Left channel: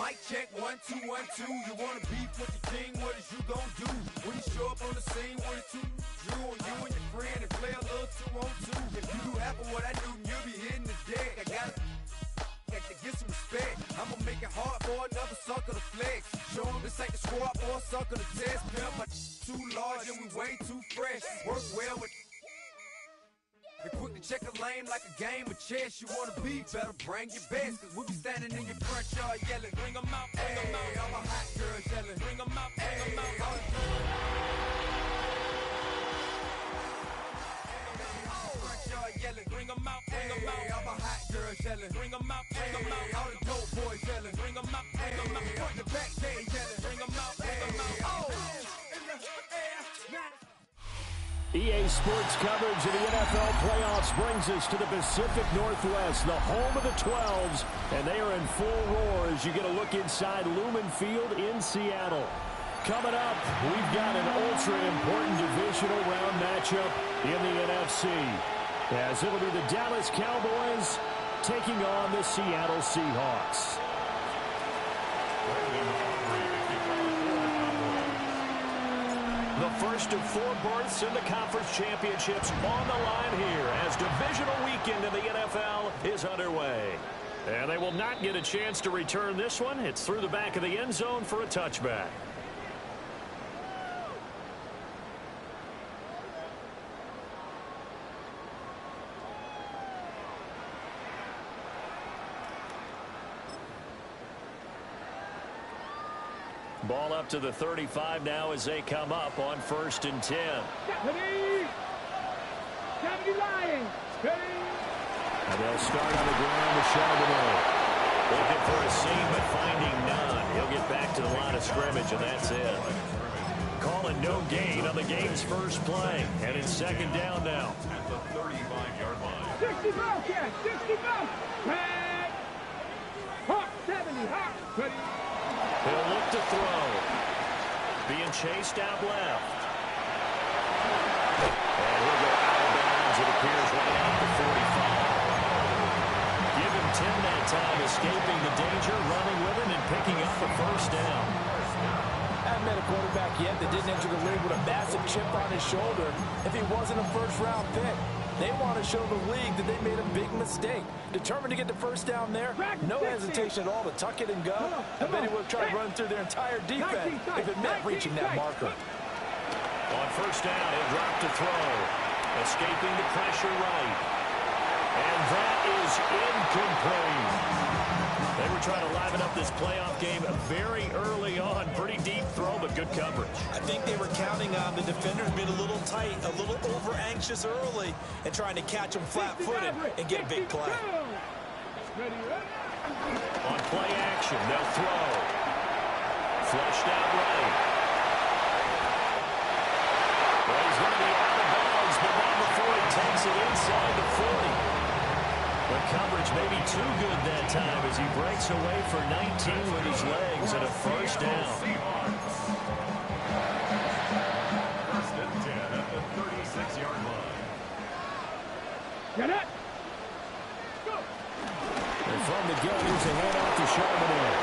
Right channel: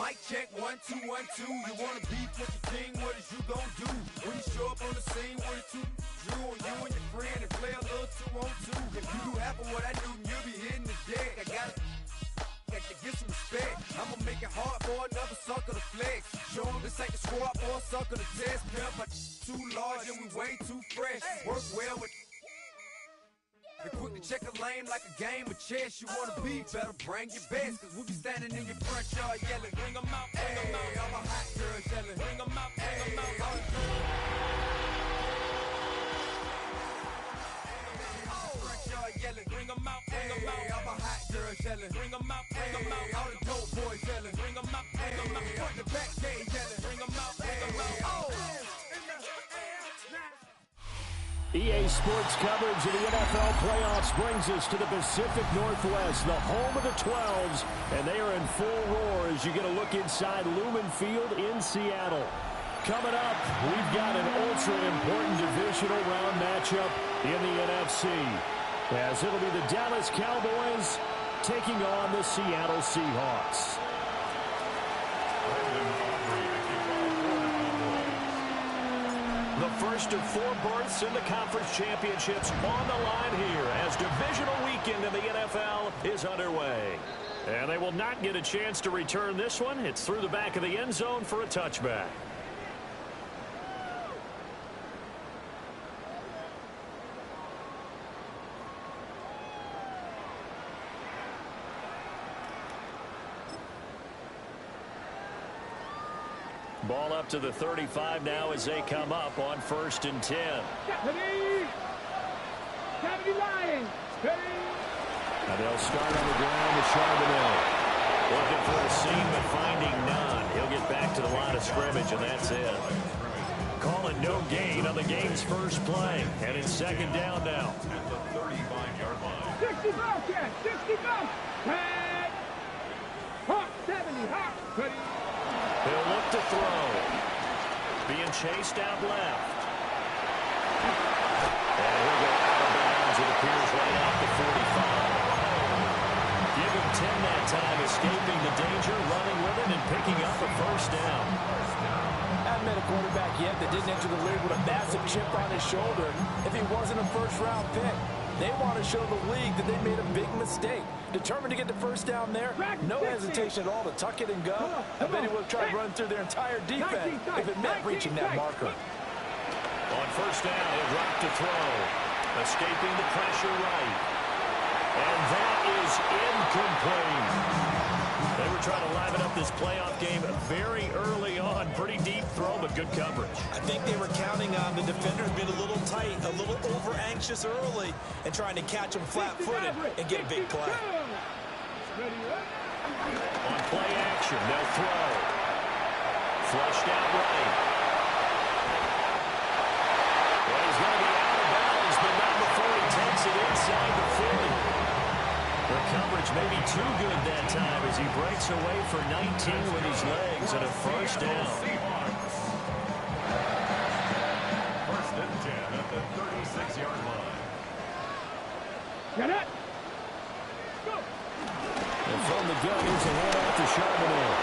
Mic check, 1, 2, 1, 2. You wanna beef with the king? What is you gon' do? When you show up on the scene with a two, you and your friend and play a little 2 on 2. If you do half of what I do, you'll be hitting the deck. I gotta get some respect. I'ma make it hard for another sucker to flex. Show him this ain't the squad for a sucker to test. Pimp, my too large and we way too fresh. Work well with. And quick to check a lane like a game of chess. You wanna be better, bring your best. Cause we be standing in your front yard yelling, bring 'em out, bring 'em out. All my hot girls yelling, bring 'em out, bring 'em out. All the front yard yelling, bring 'em out, bring 'em out. All my hot girls yelling, bring 'em out, bring 'em out. All the dope boys yelling, bring 'em out, bring 'em out. Front the back gate yelling, bring 'em out, bring 'em out. Oh! EA Sports coverage of the NFL playoffs brings us to the Pacific Northwest, the home of the 12s, and they are in full roar as you get a look inside Lumen Field in Seattle. Coming up, we've got an ultra-important divisional round matchup in the NFC, as it'll be the Dallas Cowboys taking on the Seattle Seahawks. The first of 4 berths in the conference championships on the line here as divisional weekend in the NFL is underway. And they will not get a chance to return this one. It's through the back of the end zone for a touchback. Ball up to the 35 now as they come up on 1st and 10. And they'll start on the ground with Charbonnet. Looking for a seam but finding none. He'll get back to the line of scrimmage and that's it. Calling no gain on the game's first play. And it's 2nd down now. At the 35-yard line. 60 Bobcat, 60 Bobcat. Hawk 70, Hawk. Ready. He'll look to throw. Being chased out left. And he'll go out of bounds, it appears, right out the 45. Give him 10 that time, escaping the danger, running with it, and picking up a 1st down. I haven't met a quarterback yet that didn't enter the league with a massive chip on his shoulder if he wasn't a first-round pick. They want to show the league that they made a big mistake. Determined to get the 1st down there, no hesitation at all to tuck it and go. I bet he would have tried running through their entire defense if it meant reaching that marker. On 1st down, he'll drop to throw. Escaping the pressure right. And that is incomplete. They were trying to liven up this playoff game very early on. Pretty deep throw, but good coverage. I think they were counting on the defenders being a little tight, a little over-anxious early, and trying to catch them flat-footed and get a big play. On play action, they'll throw. Flushed out right. Well, he's going to be out of bounds, but not before he takes it inside the 40. The coverage may be too good that time as he breaks away for 19 with his legs and a 1st down. 1st and 10 at the 36-yard line. Get it. Go. And from the gun, here's a handoff to Charbonnet.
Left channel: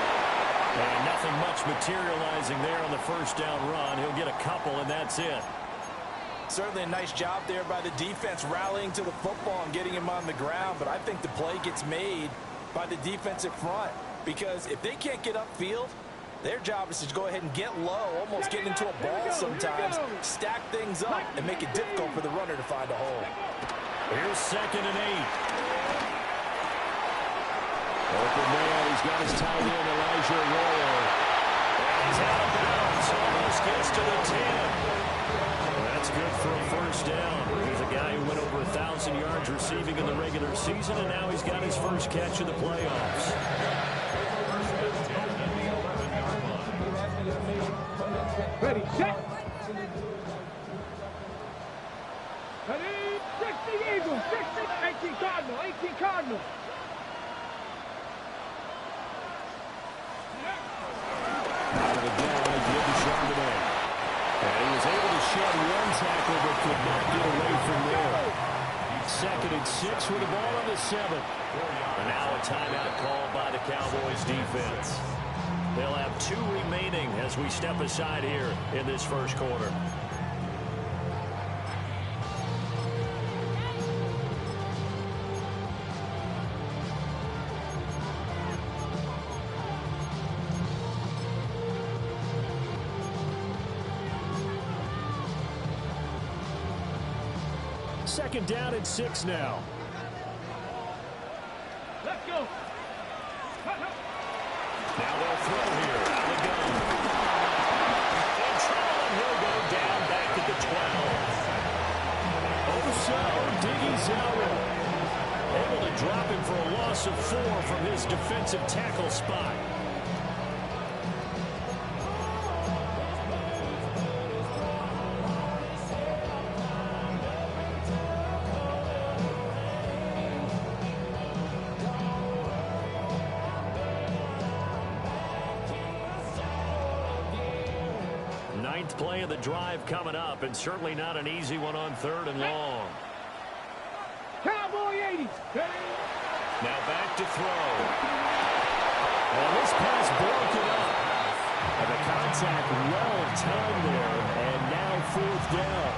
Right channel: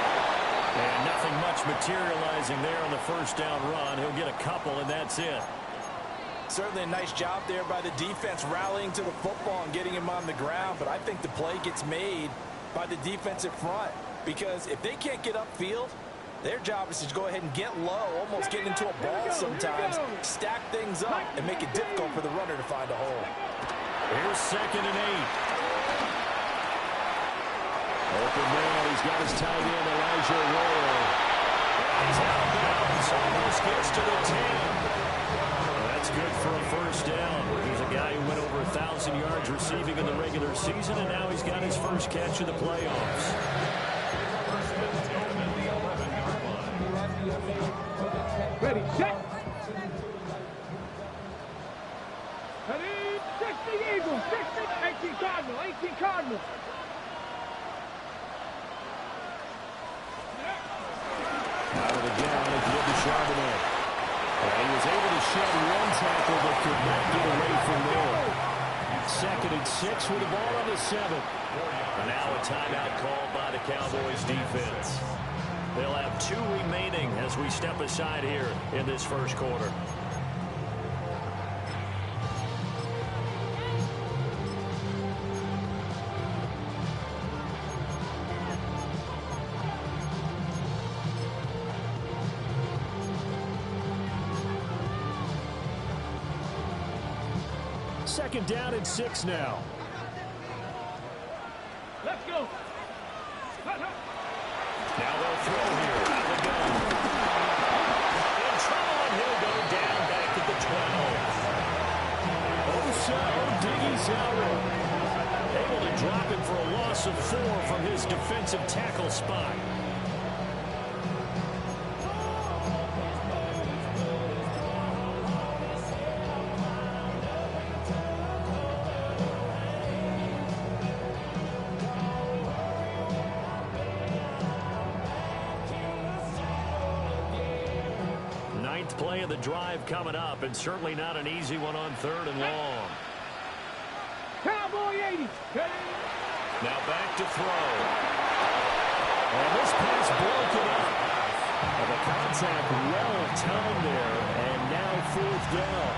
And nothing much materializing there on the 1st down run. He'll get a couple, and that's it. Certainly a nice job there by the defense rallying to the football and getting him on the ground, but I think the play gets made by the defensive front because if they can't get upfield, their job is to go ahead and get low, almost get into a ball sometimes, stack things up, and make it difficult for the runner to find a hole. Here's 2nd and 8. Open man, he's got his tight end, Elijah Arroyo. And he's out of bounds, almost gets to the 10. That's good for a 1st down. He's a guy who went over 1,000 yards receiving in the regular season, and now he's got his first catch of the playoffs. 1st and 10 at the 11-yard line. Ready, set. Ready, 60 Eagles, 60, 18 Cardinal, 18 Cardinal. Out of the down, they give to Charbonnet. And he was able to shed one tackle, but could not get away from there. 2nd and 6 with the ball on the 7. And now a timeout called by the Cowboys defense. They'll have 2 remaining as we step aside here in this first quarter. Second down and 6 now. Let's go. Now they'll throw here. Out of the gun. In trouble, and he'll go down back at the 12. Osa Odighizuwa able to drop him for a loss of 4 from his defensive tackle spot. Ninth play of the drive coming up, and certainly not an easy one on 3rd and long. Cowboy 80. Now back to throw. And this pass broken up. And the contact well timed there, and now 4th down.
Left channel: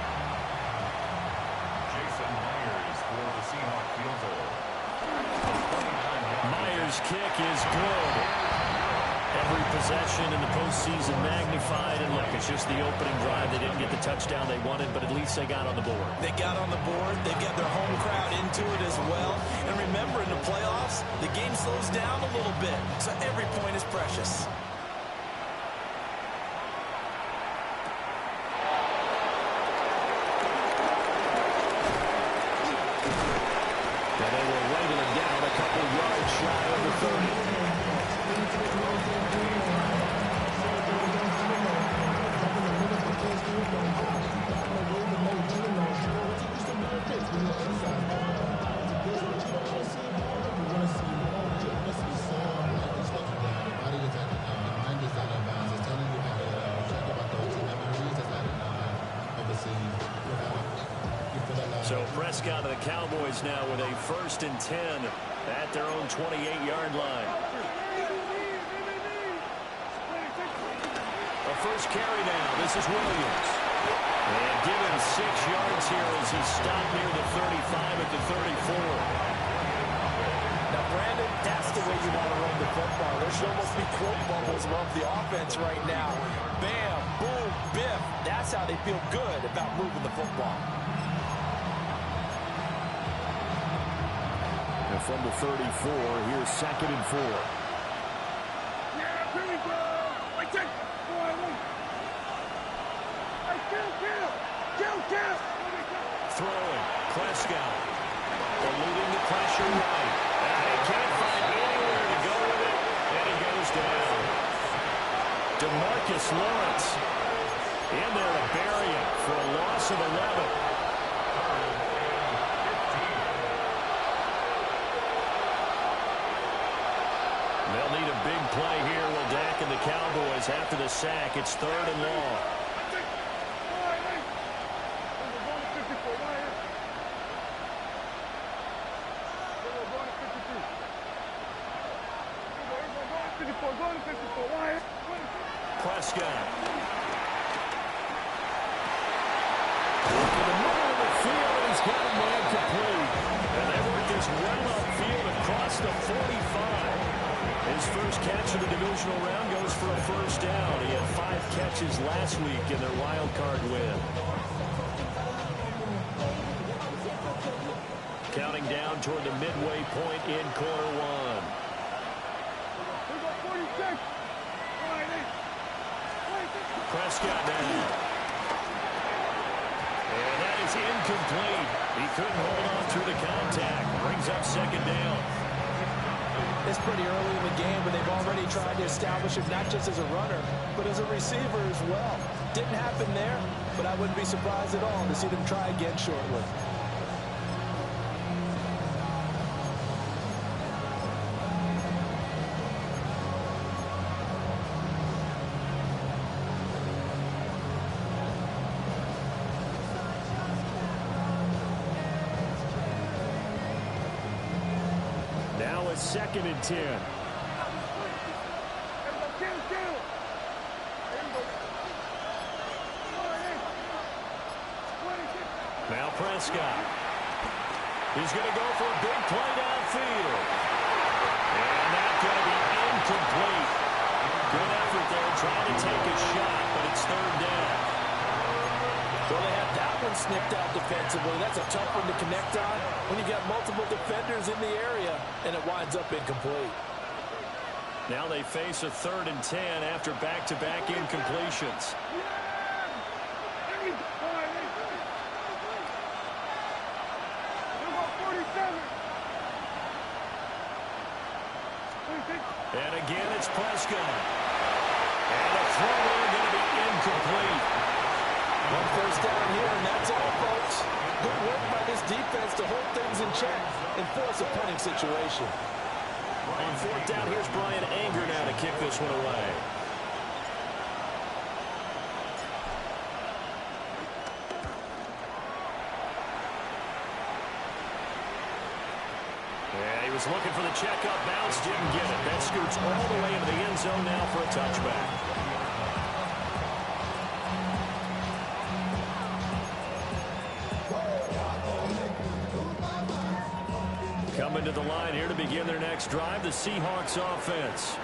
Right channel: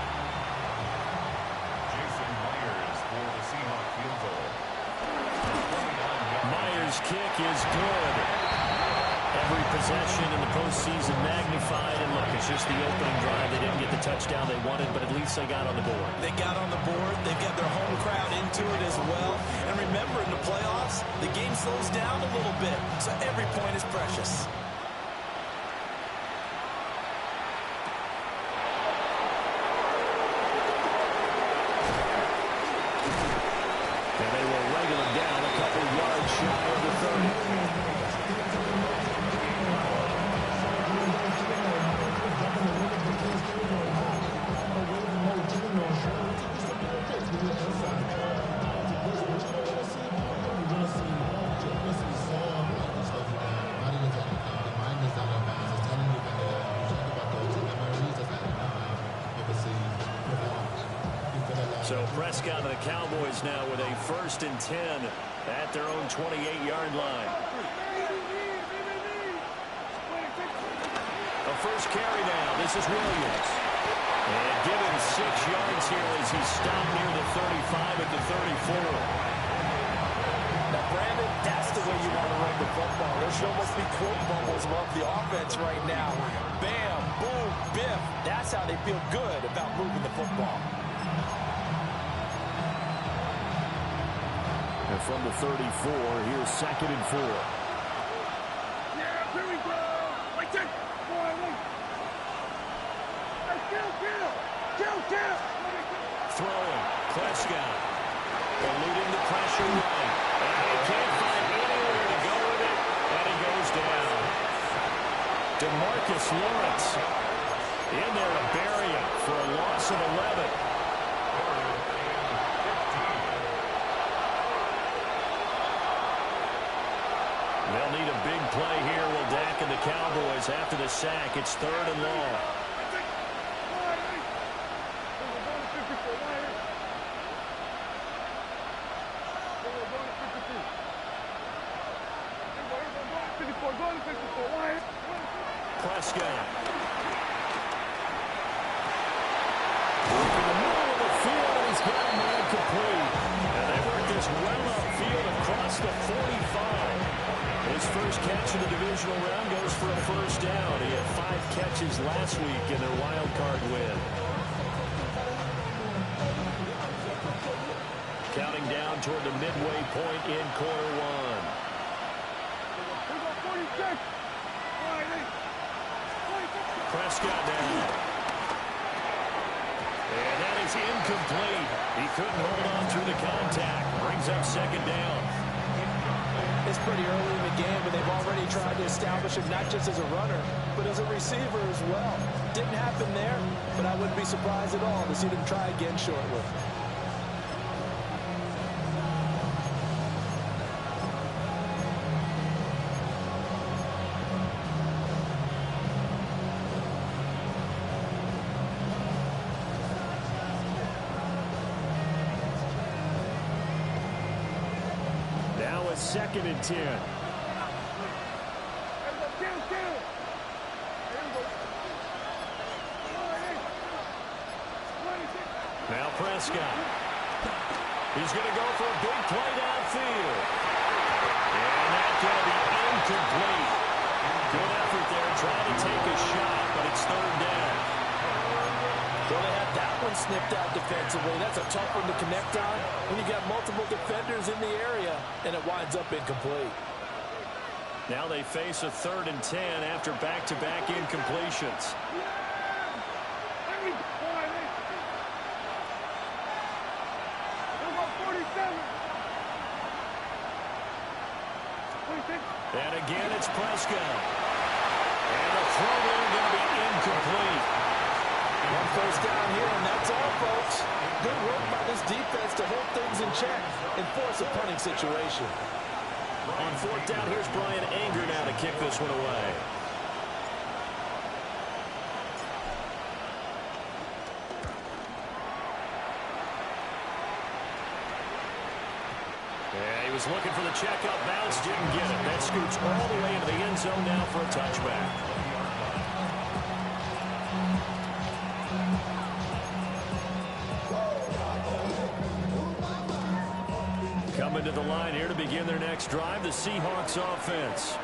Jason Myers for the Seahawk field goal. Myers' kick is good. Every possession in the postseason magnified, and look, it's just the opening drive. They didn't get the touchdown they wanted, but at least they got on the board. They got on the board. They've got their home crowd into it as well. And remember, in the playoffs, the game slows down a little bit, so every point is precious. And they will wrangle him down a couple yards shy of the 30. So Prescott and the Cowboys now with a 1st and 10 at their own 28-yard line. A first carry now. This is Williams. And given 6 yards here as he stopped near the 35 at the 34. Now, Brandon, that's the way you want to run the football. There should almost be quote bubbles above the offense right now. Bam, boom, biff. That's how they feel good about moving the football. And from the 34, here's 2nd and 4. Yeah, here we go. Wait, take. Boy, wait. Hey, kill. Throwing. Prescott. Eluding the pressure right. And he can't find anywhere to go with it. And he goes down. DeMarcus Lawrence in there to bury him for a loss of 11. They'll need a big play here. Will Dak and the Cowboys after the sack. It's 3rd and long. Prescott. Work in the middle of the field, and he's got a man complete. And they work this well upfield across the 45. His first catch in the divisional round goes for a 1st down. He had 5 catches last week in their wild card win. Counting down toward the midway point in quarter 1. Prescott now. And that is incomplete. He couldn't hold on through the contact. Brings up 2nd down. It's pretty early in the game, but they've already tried to establish him not just as a runner, but as a receiver as well. Didn't happen there, but I wouldn't be surprised at all to see them try again shortly. 2nd and 10. Now Prescott. He's going to go for a big play downfield. And that's going to be incomplete. Good effort there trying to take a shot, but it's 3rd down. Well, they had that one snipped out defensively. That's a tough one to connect on when you got multiple defenders in the area, and it winds up incomplete. Now they face a 3rd and 10 after back-to-back incompletions. And again, it's Prescott. And the throw there going to be incomplete. 1 first down here, and that's all, folks. Good work by this defense to hold things in check and force a punting situation. On 4th down, here's Brian Anger now to kick this one away. Yeah, he was looking for the checkup bounce, didn't get it. That scoots all the way into the end zone now for a touchback. Coming to the line here to begin their next drive, the Seahawks offense.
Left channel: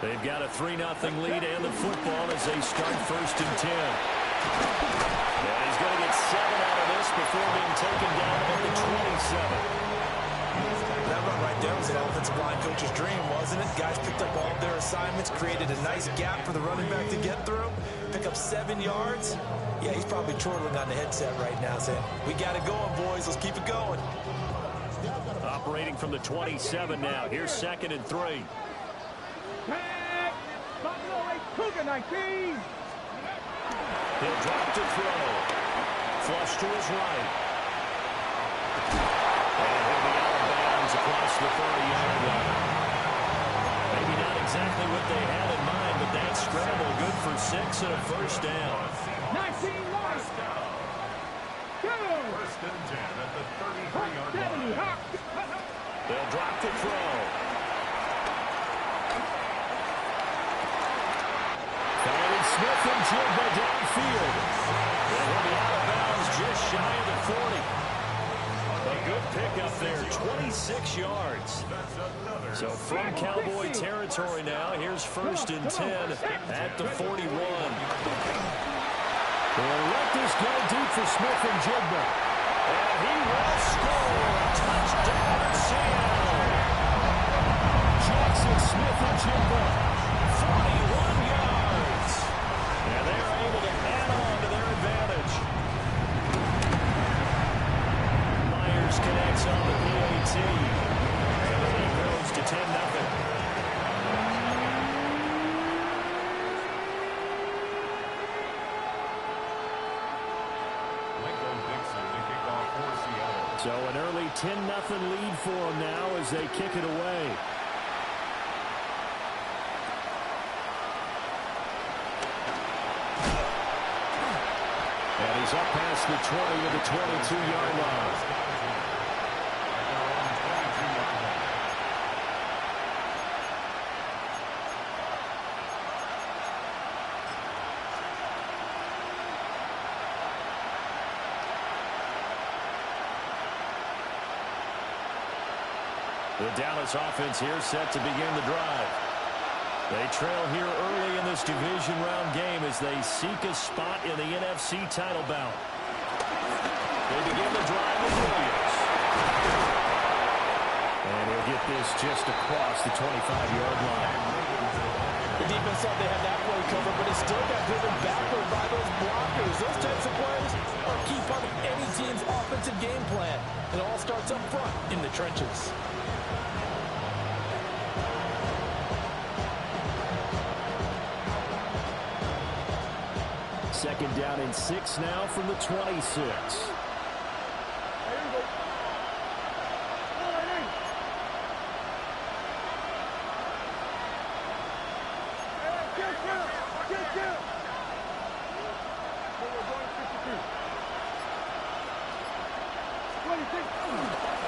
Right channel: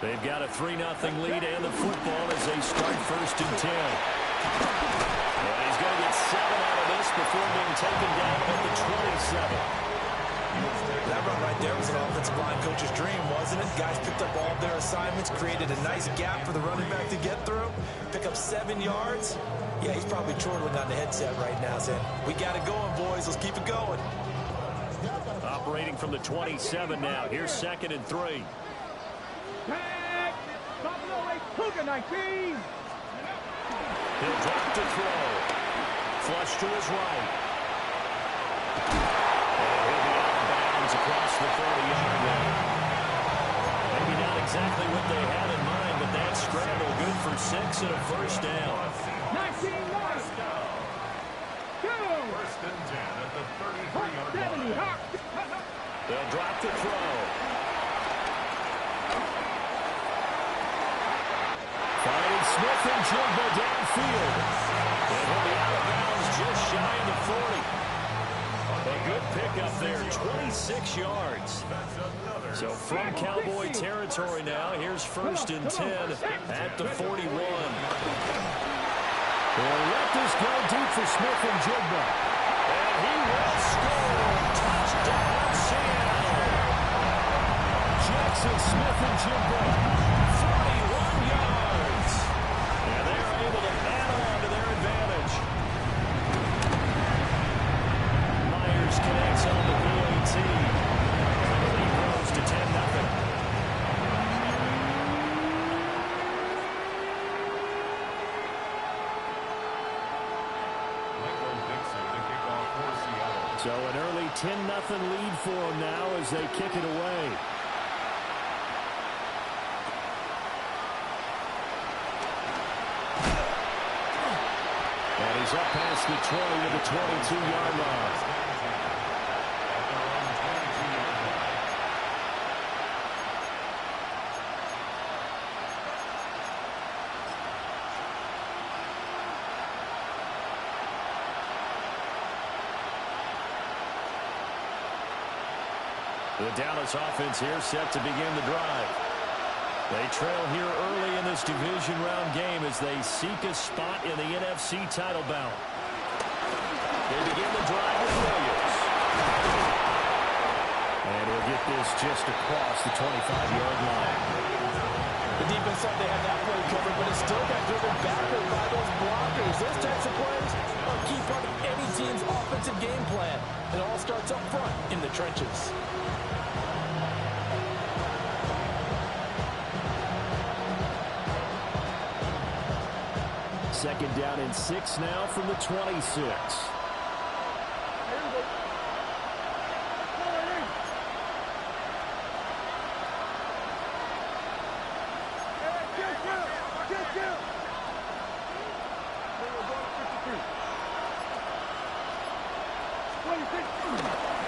They've got a 3-0 lead and the football as they start 1st and 10. And he's going to get 7 out of this before being taken down at the 27. That run right there was an offensive line coach's dream, wasn't it? Guys picked up all of their assignments, created a nice gap for the running back to get through, pick up 7 yards. Yeah, he's probably chortling on the headset right now saying, we got it going, boys. Let's keep it going. Operating from the 27 now. Here's 2nd and 3. He'll drop to throw. Flush to his right. And he'll be out of bounds across the 30-yard line. Maybe not exactly what they had in mind, but that scramble good for 6 and a 1st down. 19 yards. 1st and 10 at the 33-yard line. They'll drop to throw. Finding Smith and Jigba downfield. And he'll be out of bounds just shy of the 40. A good pickup there, 26 yards. So from Cowboy territory now, here's 1st and 10 at the 41. They'll let this go deep for Smith and Jigba. And he will score. Touchdown, Seattle. Jackson Smith and Jigba, 41 yards. And they're able to add on to their advantage. Myers connects on the PAT. And the lead grows to 10-0. So an early 10-0 lead for them now as they kick it away. And he's up past the 20 to the 22-yard line. The Dallas offense here set to begin the drive. They trail here early in this division round game as they seek a spot in the NFC title bout. They begin the drive with Williams. And he'll get this just across the 25-yard line. The defense thought they had that play covered, but it still got driven backward by those blockers. Those types of plays are a key part of any team's offensive game plan. It all starts up front in the trenches. Second down and 6 now from the 26.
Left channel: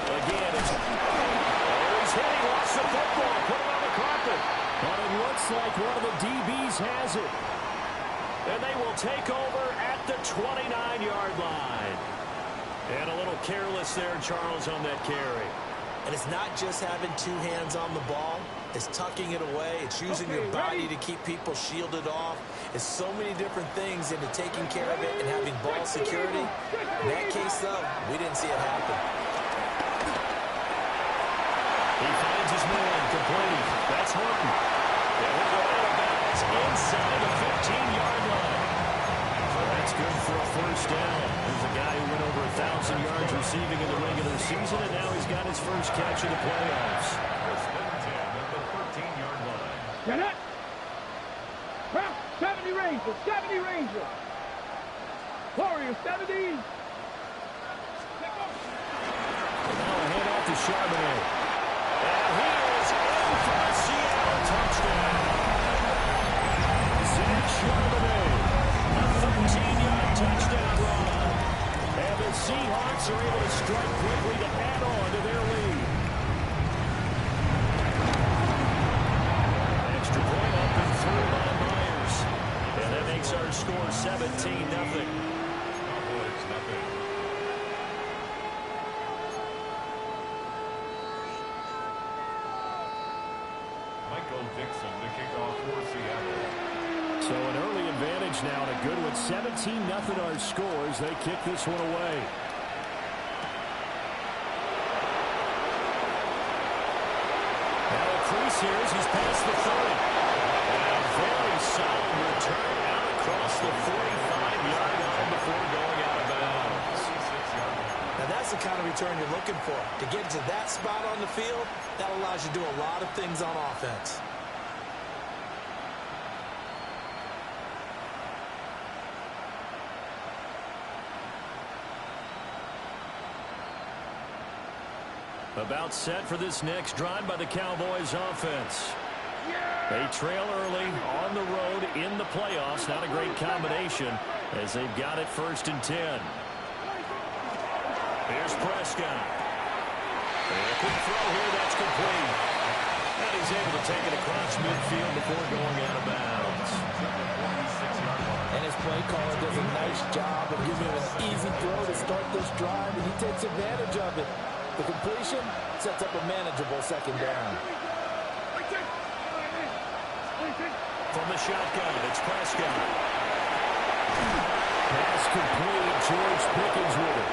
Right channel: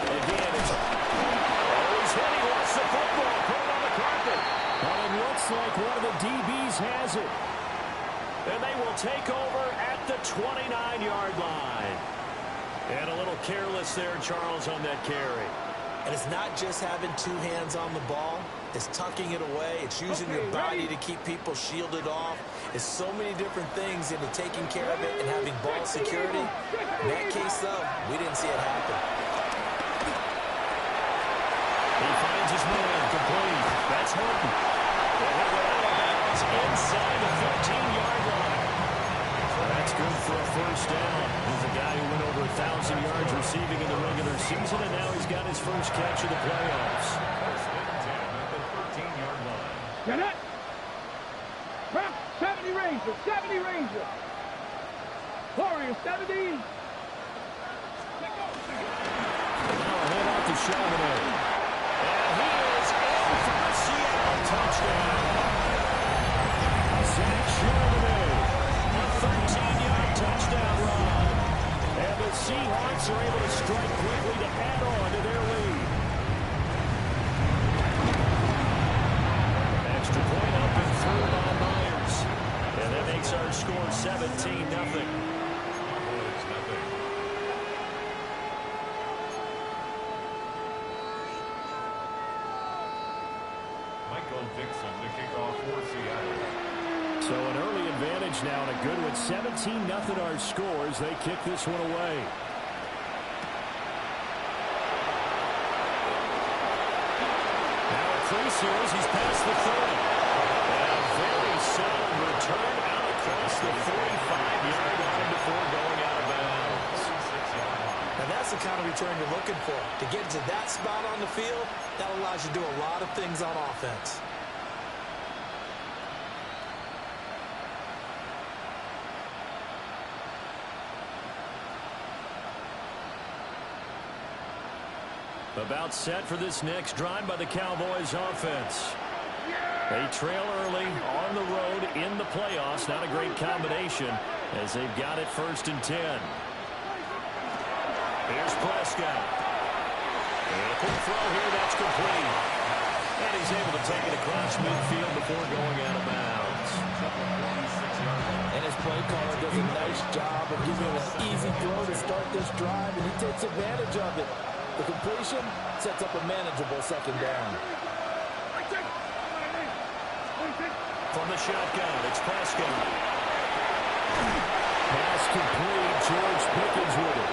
Again, it's... Oh, he's hit. He lost the football. Put it on the carpet. But it looks like one of the DBs has it. And they will take over at the 29-yard line. And a little careless there, Charles, on that carry. And it's not just having two hands on the ball. It's tucking it away. It's using your body to keep people shielded off. It's so many different things into taking care of it and having ball security. In that case, though, we didn't see it happen. He finds his man, complete. That's Horton. And he'll go out of bounds inside the 15-yard line. So that's good for a first down. There's a guy who went over 1,000 yards receiving in the regular season, and now he's got his first catch in the playoffs. First and 10 at the 13-yard line. Get it. Prep, 70 Ranger, 70 Ranger. Warrior, 70. Now a handoff to Charbonnet. And he is in for a Seattle touchdown. Zach Charbonnet, a 13-yard touchdown run. And the Seahawks are able to strike quickly to add on to their lead. Extra point up and through by Myers. And that makes our score 17-0. Cowboys, nothing. Michael Dixon to kick off for Seattle. So an early advantage now and a good one. 17-0 our scores. They kick this one away. Now a crease here as he's past the 30. And a very solid return out across the 45-yard line before going out of bounds. 46-yard line. Now, that's the kind of return you're looking for. To get to that spot on the field, that allows you to do a lot of things on offense. About set for this next drive by the Cowboys offense. They trail early on the road in the playoffs. Not a great combination as they've got it 1st and 10. Here's Prescott. And a quick throw here, that's complete. And he's able to take it across midfield before going out of bounds. And his play caller does a nice job of giving him an easy throw to start this drive, and he takes advantage of it. The completion sets up a manageable second down. From the shotgun, it's Prescott. Pass complete. George Pickens with it.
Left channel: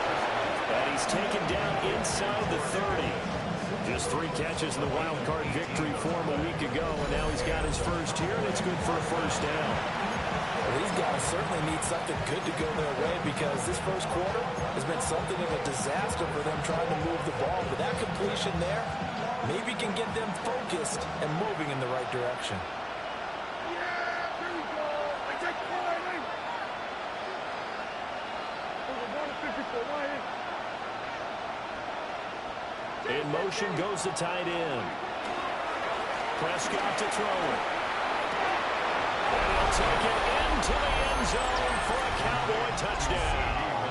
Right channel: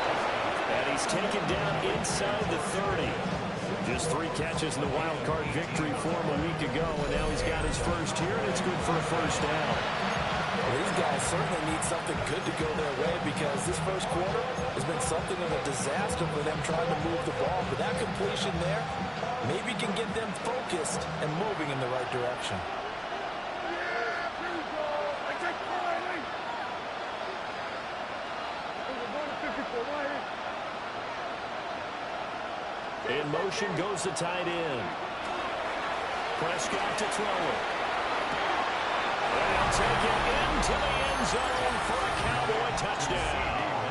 And he's taken down inside the 30. Just 3 catches in the wild card victory for him a week ago, and now he's got his first here, and it's good for a first down. Well, these guys certainly need something good to go their way because this first quarter has been something of a disaster for them trying to move the ball. But that completion there maybe can get them focused and moving in the right direction. In motion goes the tight end. Prescott to throw it. And he'll take it into the end zone for a Cowboy touchdown.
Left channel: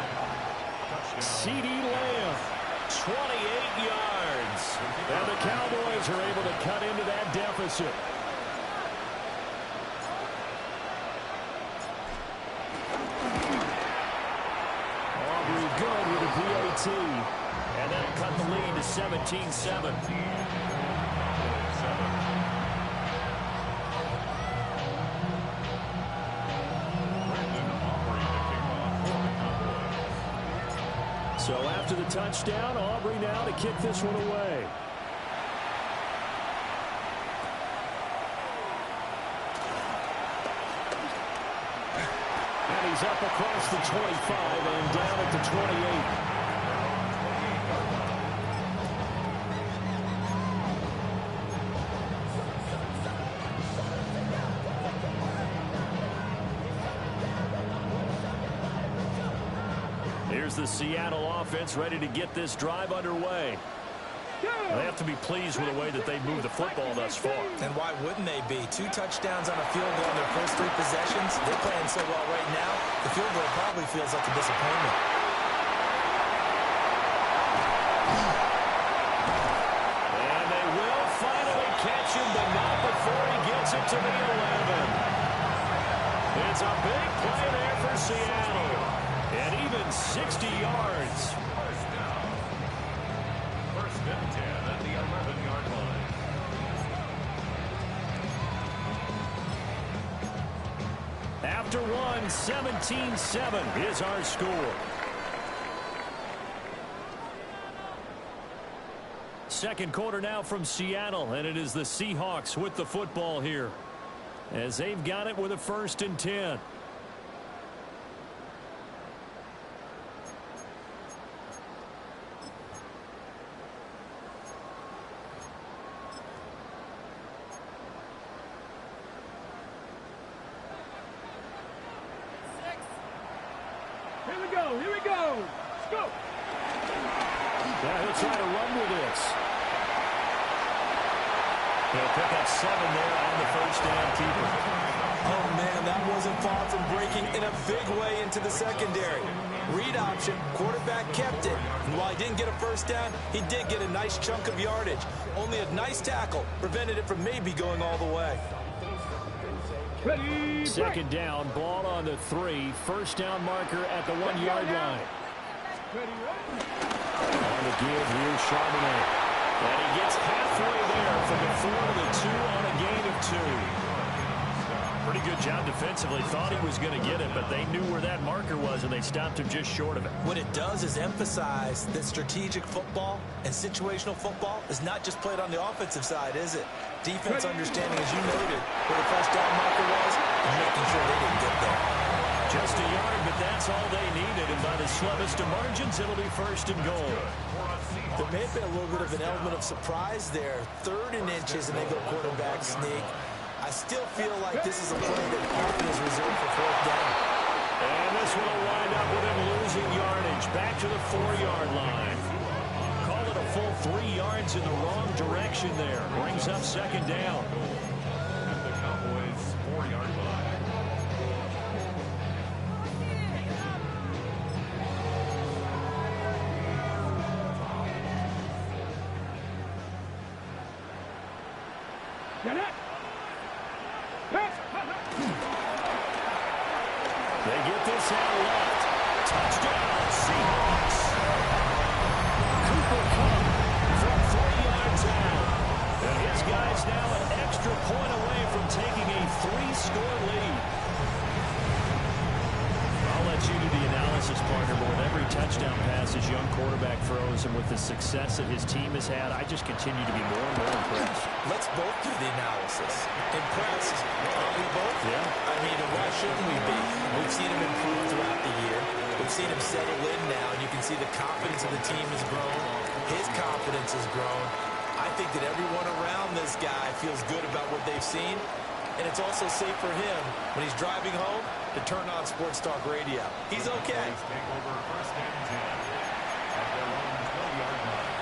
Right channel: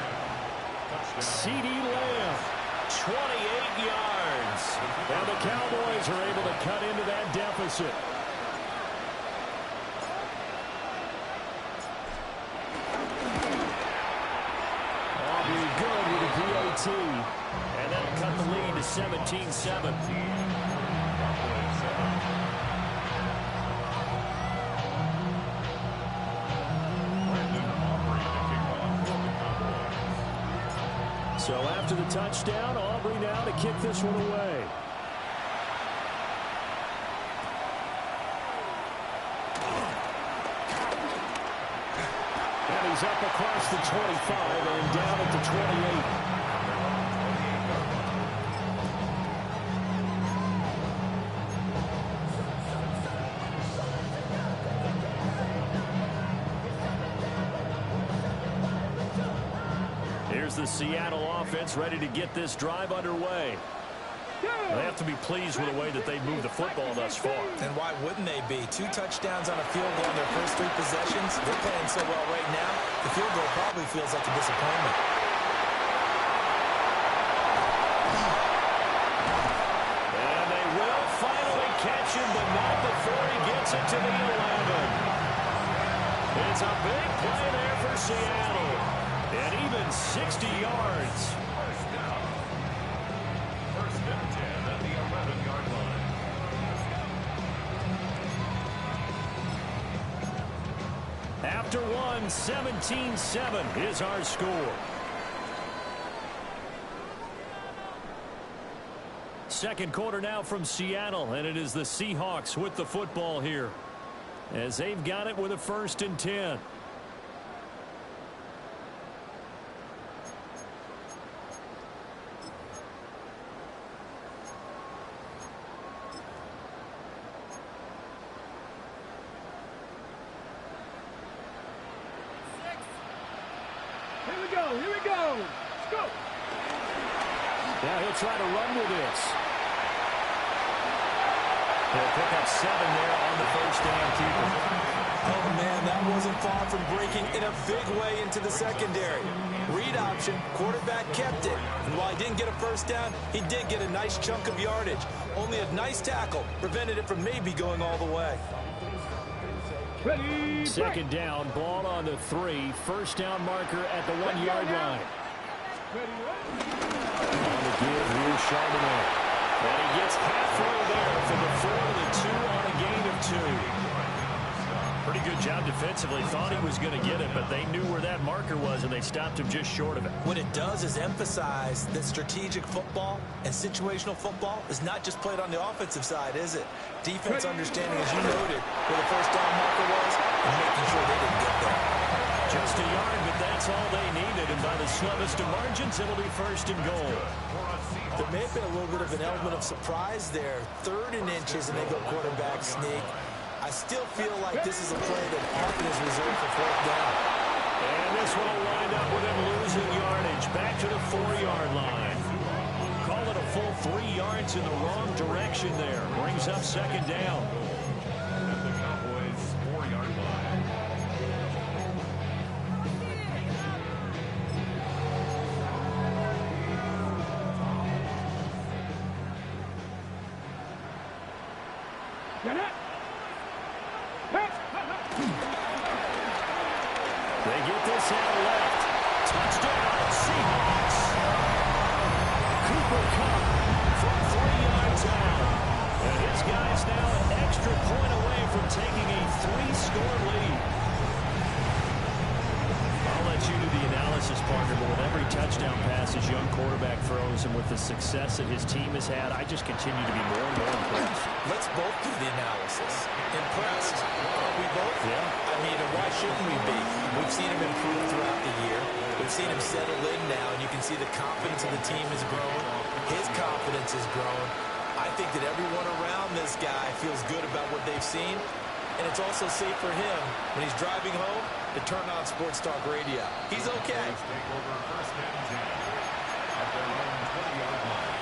CeeDee Lamb, 28 yards. And the Cowboys are able to cut into that deficit. Aubrey good with a PAT. And that'll cut the lead to 17-7. So after the touchdown, Aubrey now to kick this one away. And he's up across the 25 and down at the 28. Here's the Seattle offense ready to get this drive underway. They have to be pleased with the way that they moved the football thus far. And why wouldn't they be? 2 touchdowns on a field goal in their first 3 possessions. They're playing so well right now, the field goal probably feels like a disappointment. And they catch him, but not before he gets it to the 11. It's a big play there for Seattle. And even 60 yards. First down. First and 10 at the 11-yard line. After one, 17-7 is our score. Second quarter now from Seattle, and it is the Seahawks with the football here, as they've got it with a 1st and 10. Here we go. Let's go. Now he'll try to run with this. He'll pick up 7 there on the first down keeper. Oh, man, that wasn't far from breaking in a big way into the secondary. Read option, quarterback kept it. And while he didn't get a first down, he did get a nice chunk of yardage. Only a nice tackle prevented it from maybe going all the way. Ready, second down, ball on the 3. First down marker at the 1-yard line. ready. On the give, here's Charbonnet. And he gets halfway there from the 4 to the 2 on a gain of 2. Pretty good job defensively. Thought he was going to get it, but they knew where that marker was, and they stopped him just short of it. What it does is emphasize that strategic football and situational football is not just played on the offensive side, is it? Defense understanding, as you noted, where the first down marker was and making sure they didn't get there. Just a yard, but that's all they needed, and by the slimmest of margins, it'll be 1st and goal. There may have been a little bit of an element of surprise there. 3rd and inches, and they go quarterback sneak. I still feel like this is a play that often is reserved for 4th down. And this one will wind up with him losing yardage. Back to the 4-yard line. Call it a full 3 yards in the wrong direction there. Brings up 2nd down. At the Cowboys' 4-yard line. Get it. They get this out left. Touchdown, Seahawks. Cooper Kupp from 3 yards out. And his guy's now an extra point away from taking a 3-score lead. I'll let you do the analysis, partner, but with every touchdown pass his young quarterback throws and with the success that his team has had, I just continue to be more and more impressed. Let's both do the analysis. Impressed. Aren't we both? Yeah. I mean, and why shouldn't we be? We've seen him improve throughout the year. We've seen him settle in now, and you can see the confidence of the team has grown. His confidence has grown. I think that everyone around this guy feels good about what they've seen, and it's also safe for him when he's driving home to turn on Sports Talk Radio. He's okay. Take over 1st and 10 at their own 20-yard line.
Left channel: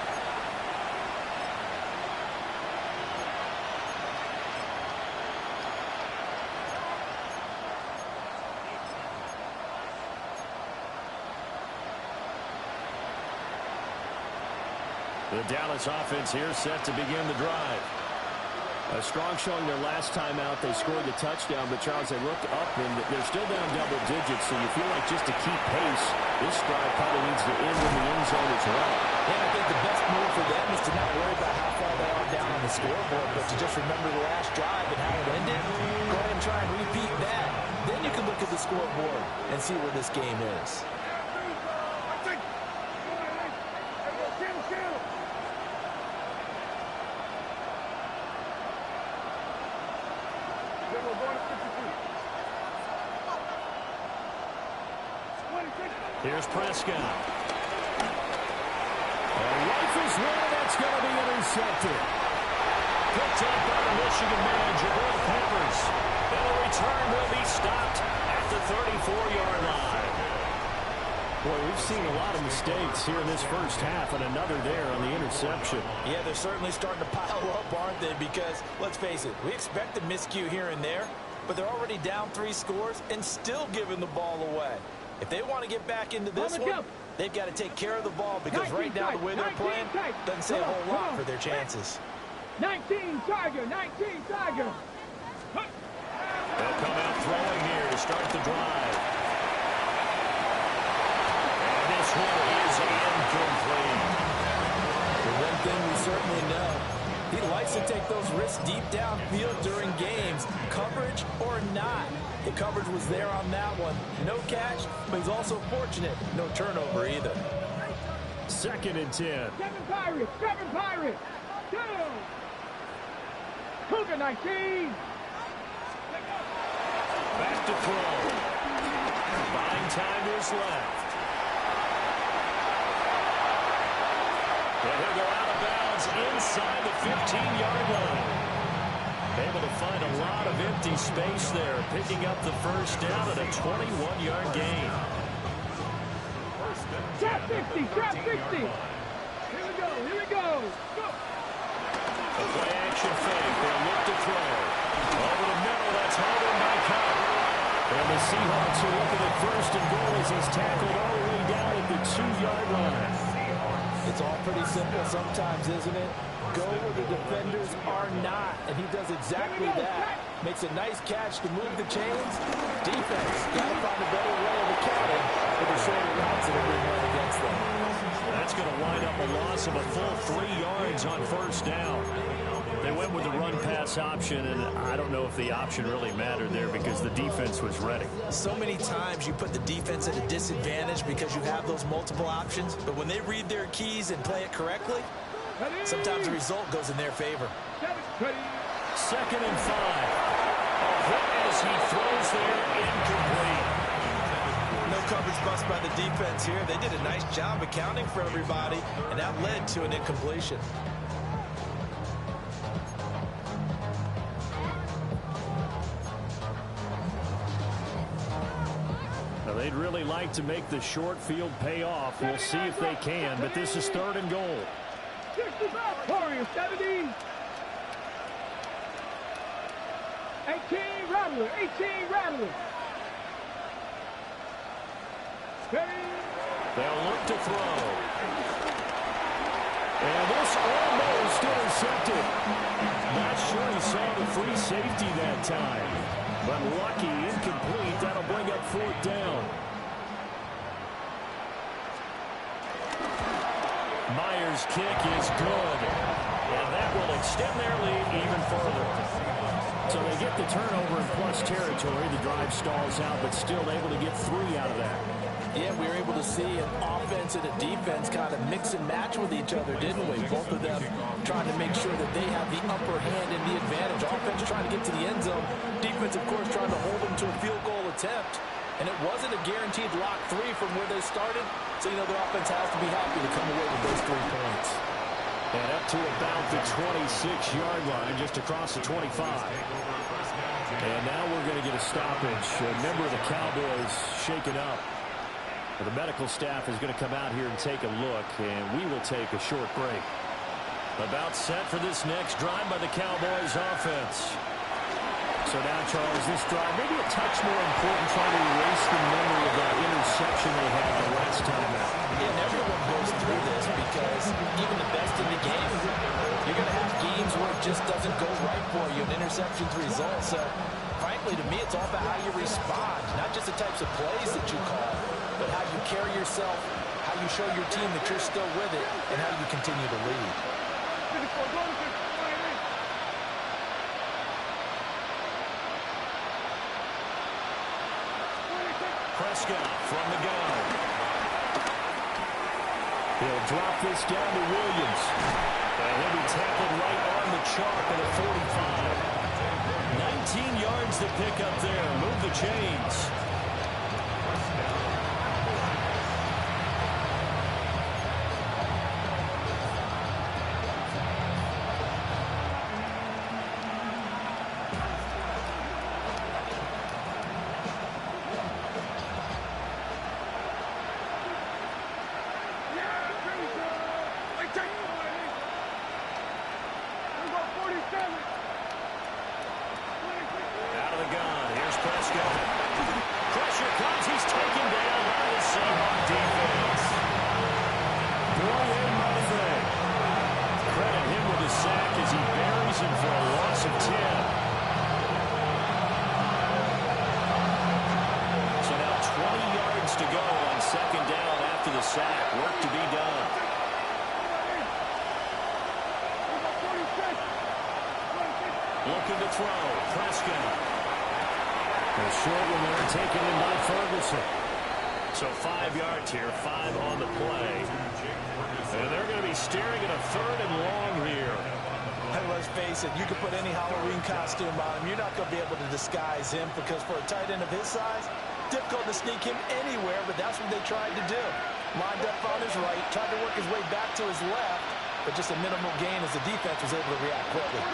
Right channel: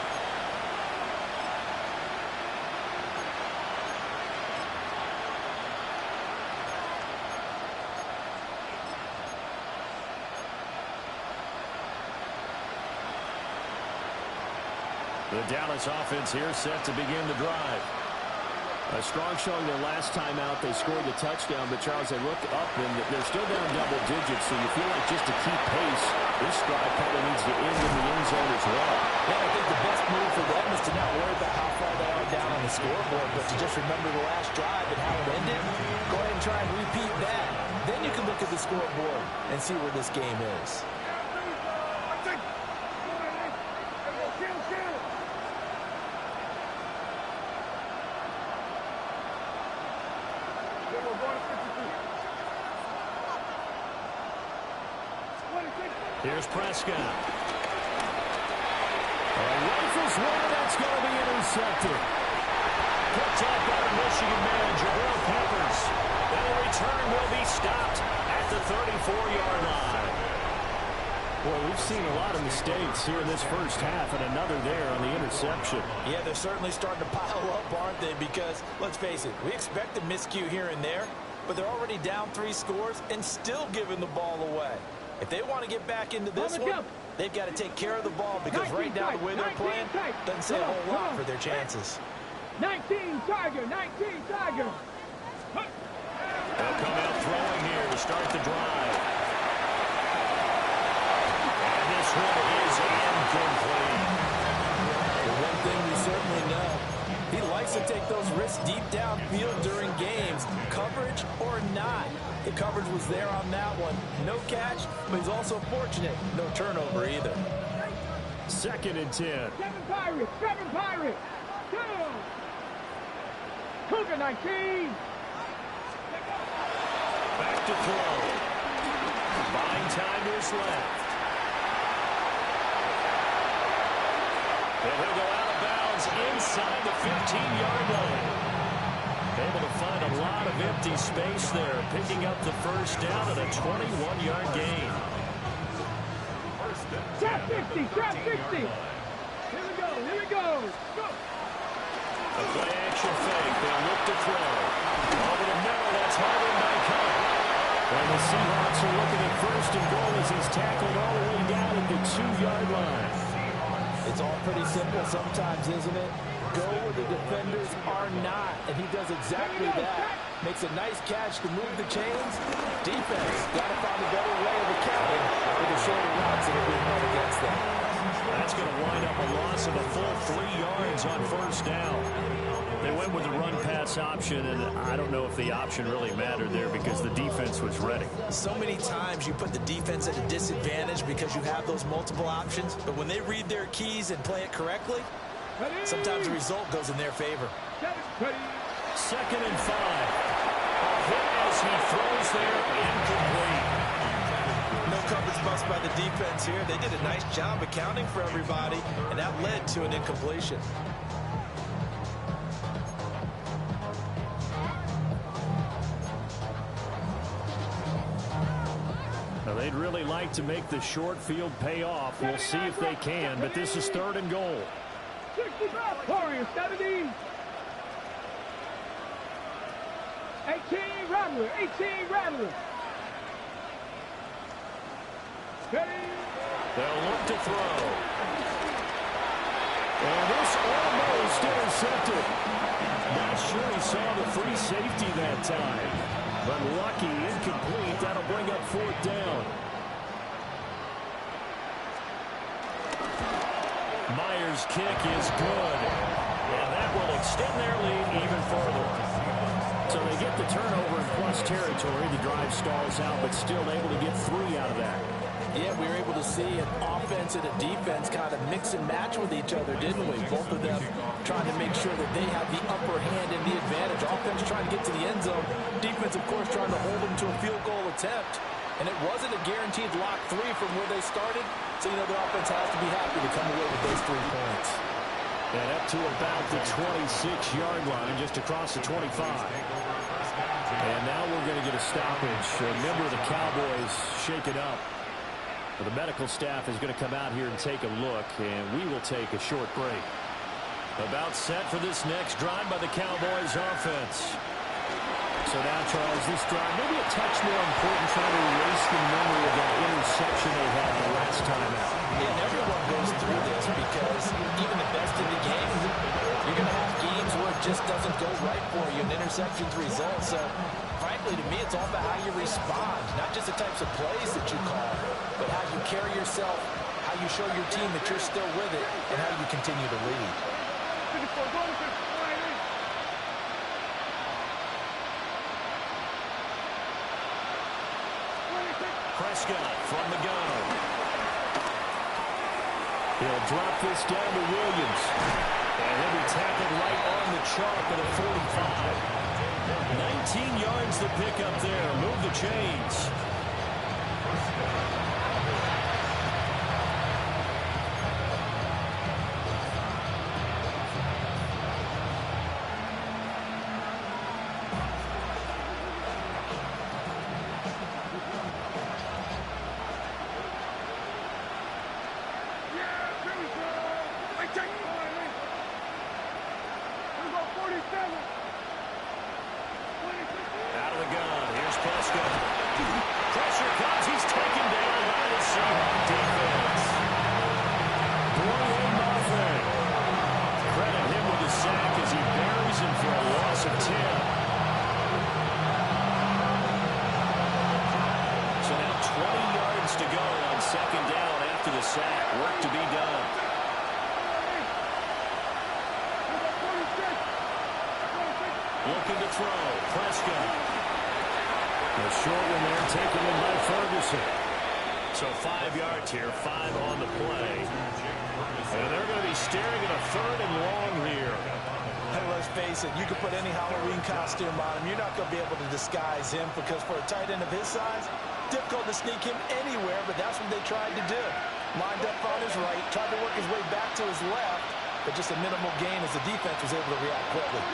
The Dallas offense here set to begin the drive. A strong showing their last time out. They scored the touchdown, but Charles, they look up and they're still down double digits, so you feel like just to keep pace, this drive probably needs to end in the end zone as well. Yeah, I think the best move for them is to not worry about how far they are down on the scoreboard, but to just remember the last drive and how it ended. Go ahead and try and repeat that. Then you can look at the scoreboard and see where this game is. Here's Prescott. Rifles one, that's going to be intercepted. Picked up by the Michigan man, Jabril Peppers. And the return will be stopped at the 34-yard line. Boy, we've seen a lot of mistakes here in this first half, and another there on the interception. Yeah, they're certainly starting to pile up, aren't they? Because, let's face it, we expect a miscue here and there, but they're already down 3 scores and still giving the ball away. If they want to get back into this one, they've got to take care of the ball because right now the way they're playing doesn't say a whole lot for their chances. 19 Tiger, 19 Tiger. They'll come out throwing here to start the drive. And this one is incomplete. The one thing we certainly know, he likes to take those risks deep downfield during games, coverage or not. The coverage was there on that one. No catch, but he's also fortunate. No turnover either. 2nd and 10. 7 Pirates, 2. Cougar 19. Back to throw. Buying time to his left. And he'll go out of bounds inside the 15-yard line. Able to find a lot of empty space there, picking up the first down at a 21-yard gain. Trap 60, trap 60. Here we go. Go. A play action fake. They'll look to throw. Over the middle, that's hauled in by Cup. And the Seahawks are looking at 1st and goal as he's tackled all the way down at the 2-yard line. It's all pretty simple sometimes, isn't it? Go where the defenders are not, and he does exactly that. Makes a nice catch to move the chains. Defense got to find a better way of accounting for the shorter routes that are being run against them. That's going to wind up a loss of a full 3 yards on 1st down. They went with the run-pass option, and I don't know if the option really mattered there because the defense was ready. So many times you put the defense at a disadvantage because you have those multiple options, but when they read their keys and play it correctly, sometimes the result goes in their favor. 2nd and 5. A hit as he throws there, incomplete. No coverage bust by the defense here. They did a nice job accounting for everybody, and that led to an incompletion. Now, they'd really like to make the short field pay off. We'll see if they can, but this is 3rd and goal. 65, Warriors 70. 18 Rattler, 18 Rattler. Ready. They'll look to throw. And this almost intercepted. Not sure he saw the free safety that time. But lucky, incomplete. That'll bring up 4th down. Myers' kick is good. And that will extend their lead even further. So they get the turnover in plus territory. The drive stalls out, but still able to get 3 out of that. Yeah, we were able to see an offense and a defense kind of mix and match with each other, didn't we? Both of them trying to make sure that they have the upper hand and the advantage. Offense trying to get to the end zone. Defense, of course, trying to hold them to a field goal attempt. And it wasn't a guaranteed lock 3 from where they started. So, the offense has to be happy to come away with those 3 points. And up to about the 26-yard line, just across the 25. And now we're going to get a stoppage. A member of the Cowboys shaken up. The medical staff is going to come out here and take a look, and we will take a short break. About set for this next drive by the Cowboys offense. So now, Charles, this drive maybe a touch more important, trying to erase the memory of that interception they had the last time out. Yeah, and everyone goes through this because even the best in the game, you're going to have games where it just doesn't go right for you, and interceptions result. So, frankly, to me, it's all about how you respond, not just the types of plays that you call, but how you carry yourself, how you show your team that you're still with it, and how you continue to lead. Prescott from the gun. He'll drop this down to Williams. And he'll be tackled right on the chalk at a 45. 19 yards to pick up there. Move the chains. Out of the gun. Here's Prescott. Pressure comes. He's taken down by the Seahawks defense. Boye Mafe credit him with a sack as he buries him for a loss of 10. So now 20 yards to go on second down after the sack. Work to be done. Looking to throw. Prescott. A short one there taken in by Ferguson. So 5 yards here, 5 on the play. And they're going to be staring at a third and long here. Hey, let's face it, you can put any Halloween costume on him. You're not going to be able to disguise him because for a tight end of his size, difficult to sneak him anywhere, but that's what they tried to do. Lined up on his right, tried to work his way back to his left, but just a minimal gain as the defense was able to react quickly.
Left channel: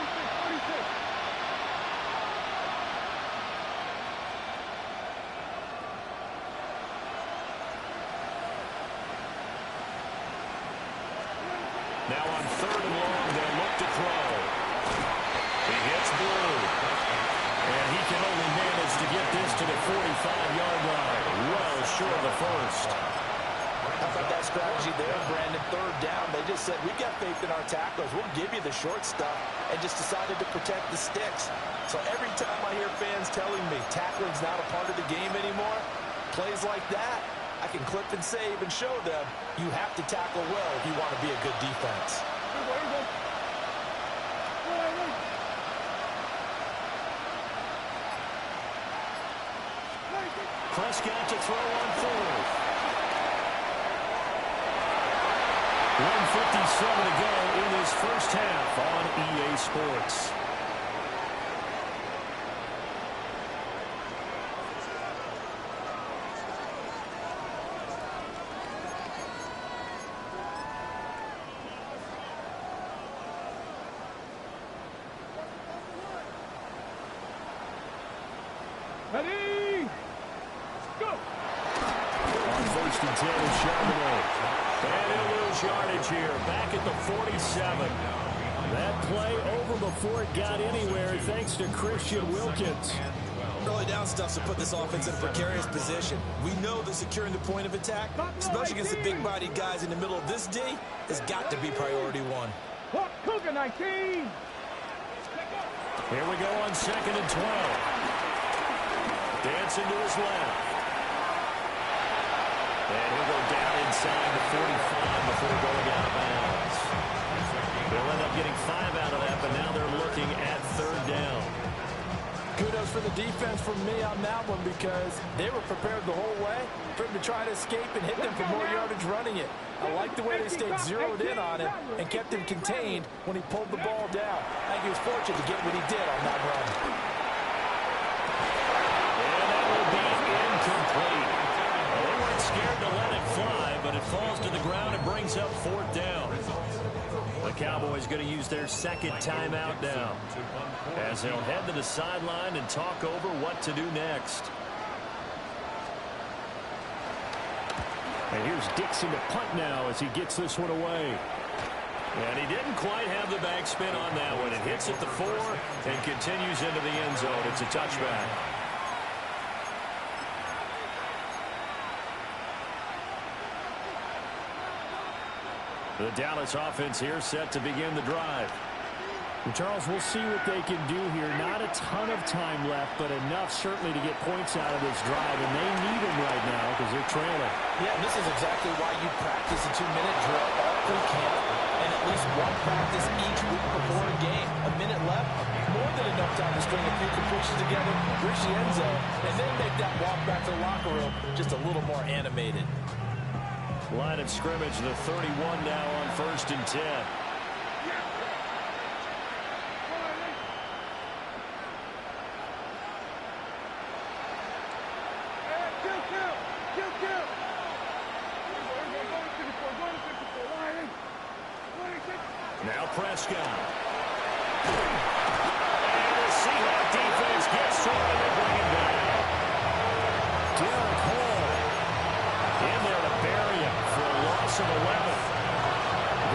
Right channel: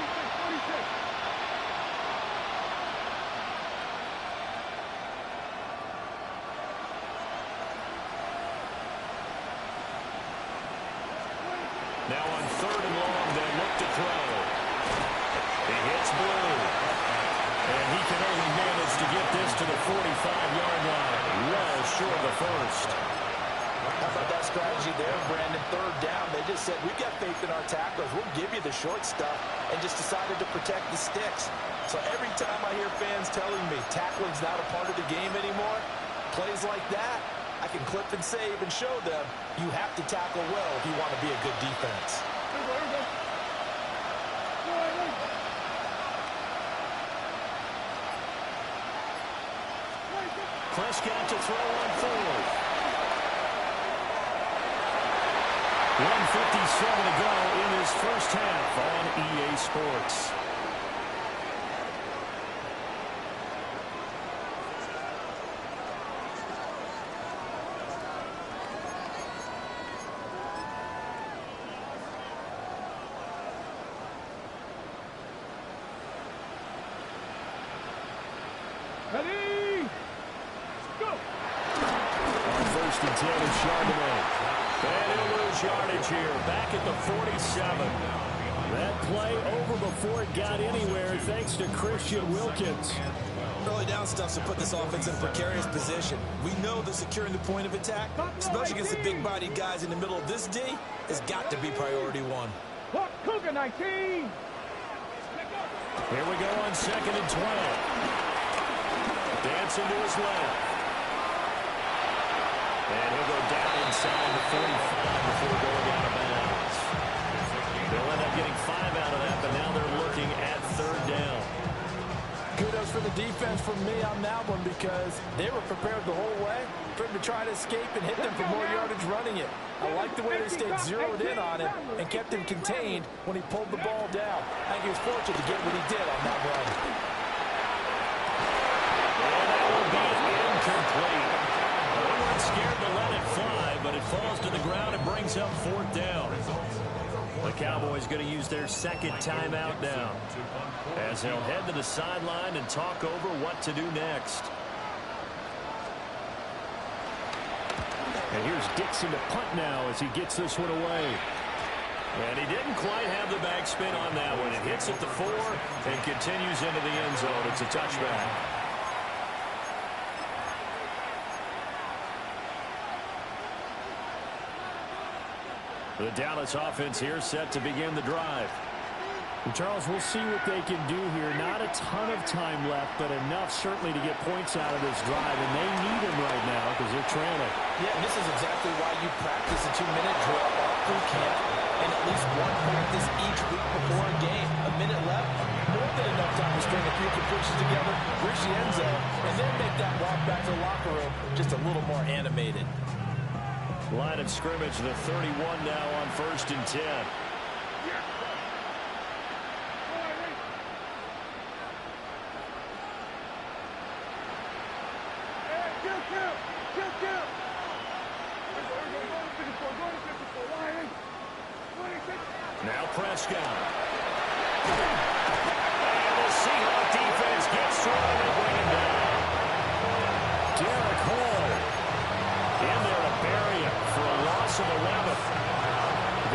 Now on third and long, they'll look to throw. He hits Blue. And he can only manage to get this to the 45-yard line. Well short of the first. How about that strategy there, Brandon? Third down, they just said, we've got faith in our tacklers. We'll give you the short stuff, and just decided to protect the sticks. So every time I hear fans telling me tackling's not a part of the game anymore, plays like that, I can clip and save and show them you have to tackle well if you want to be a good defense. Prescott to throw on fourth. 1:57 to go in this first half on EA Sports. Ready? Go! On first and 10 is Charbonnet. And he'll lose yardage here. Back at the 47. That play over before it got anywhere thanks to Christian Wilkins. Early down stuff to put this offense in a precarious position. We know that securing the point of attack, especially against the big-bodied guys in the middle of this D, has got to be priority one. Cougar 19! Here we go on second and 12. Dancing to his left. And he'll go down inside the 45 before going out of bounds. They'll end up getting 5 out of that, but now they're looking at third down. Kudos for the defense from me on that one because they were prepared the whole way for him to try to escape and hit them for more yardage running it. I like the way they stayed zeroed in on him and kept him contained when he pulled the ball down. I think he was fortunate to get what he did on that run. And that will be incomplete. Well, they weren't scared to let it fly, but it falls to the ground and brings up fourth down. The Cowboys going to use their second timeout now as they'll head to the sideline and talk over what to do next. And here's Dixon to punt now as he gets this one away. And he didn't quite have the backspin on that one. It hits at the 4 and continues into the end zone. It's a touchback. The Dallas offense here set to begin the drive. And Charles, we'll see what they can do here. Not a ton of time left, but enough certainly to get points out of this drive, and they need them right now because they're trailing. Yeah, and this is exactly why you practice a 2-minute drill all through camp and at least one practice each week before a game. A minute left, more than enough time to string a few completions together, reach the end zone, and then make that walk back to the locker room just a little more animated. Line of scrimmage, the 31 now on first and 10. Now Prescott. And the Seahawk defense gets to him and they bring him down. Derek Hall in there to bury him for a loss of 11.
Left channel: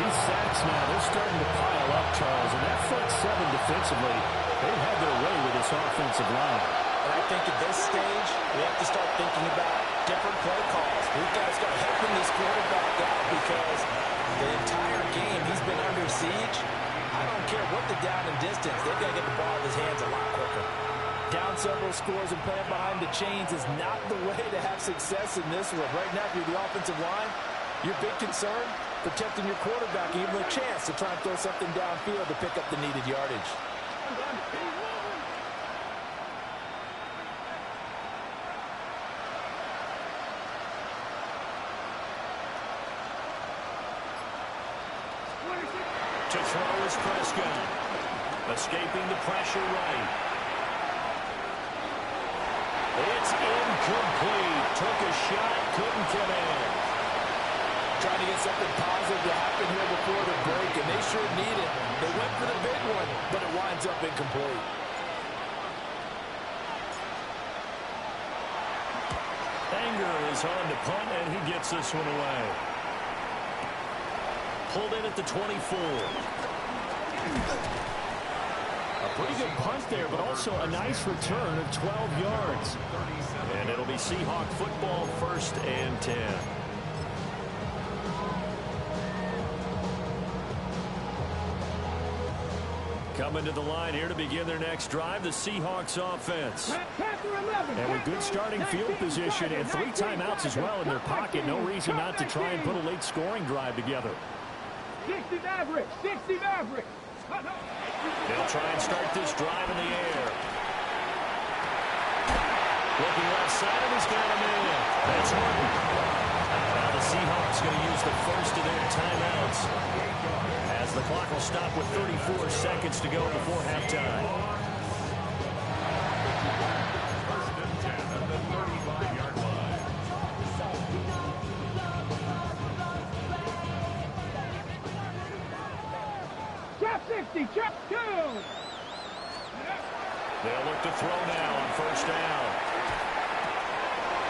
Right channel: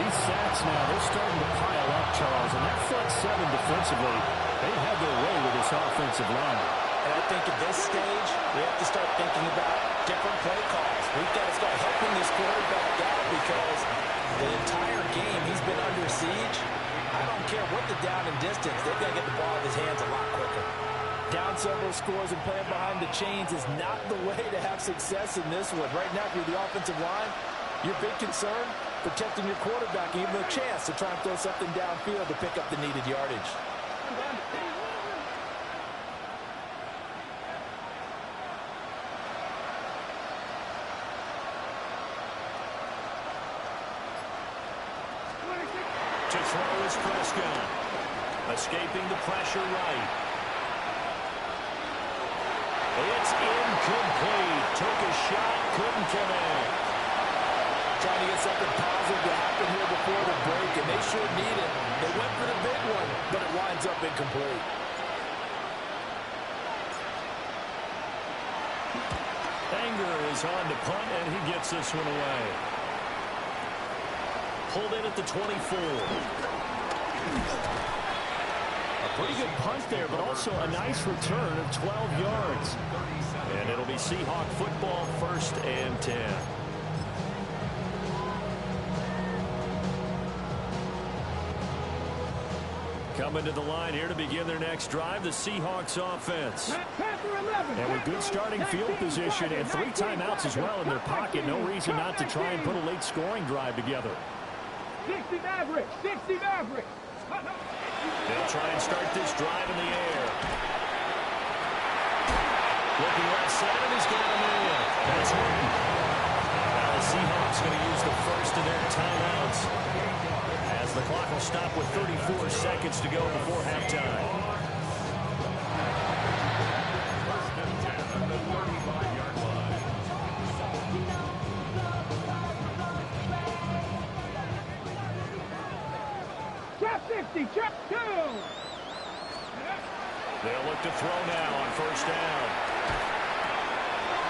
These sacks now, they're starting to pile up, Charles. And that front seven defensively, they've had their way with this offensive line. And I think at this stage, we have to start thinking about different play calls. We've got to start helping this quarterback out because the entire game he's been under siege. I don't care what the down and distance. They've got to get the ball out of his hands a lot quicker. Down several scores and playing behind the chains is not the way to have success in this one. Right now, if you're the offensive line, your big concern, protecting your quarterback and give him a chance to try and throw something downfield to pick up the needed yardage. To throw is Prescott. Escaping the pressure right. It's incomplete. Took a shot, couldn't connect. Trying to get something positive to happen here before the break, and they sure need it. They went for the big one, but it winds up incomplete. Anger is on to punt, and he gets this one away. Pulled in at the 24. A pretty good punt there, but also a nice return of 12 yards. And it'll be Seahawk football, 1st and 10. Coming to the line here to begin their next drive, the Seahawks offense. And with good starting field position and 3 timeouts as well in their pocket, no reason not to try and put a late scoring drive together. 60 Mavericks! 60 Mavericks! They'll try and start this drive in the air. Looking left side, and he's got him in. That's Horton. Now the Seahawks going to use the first of their timeouts as the clock will stop with 34 seconds to go before halftime. 1st and 10 at the 35-yard line. Trap 60! Trap 2! They'll look to throw now on 1st down.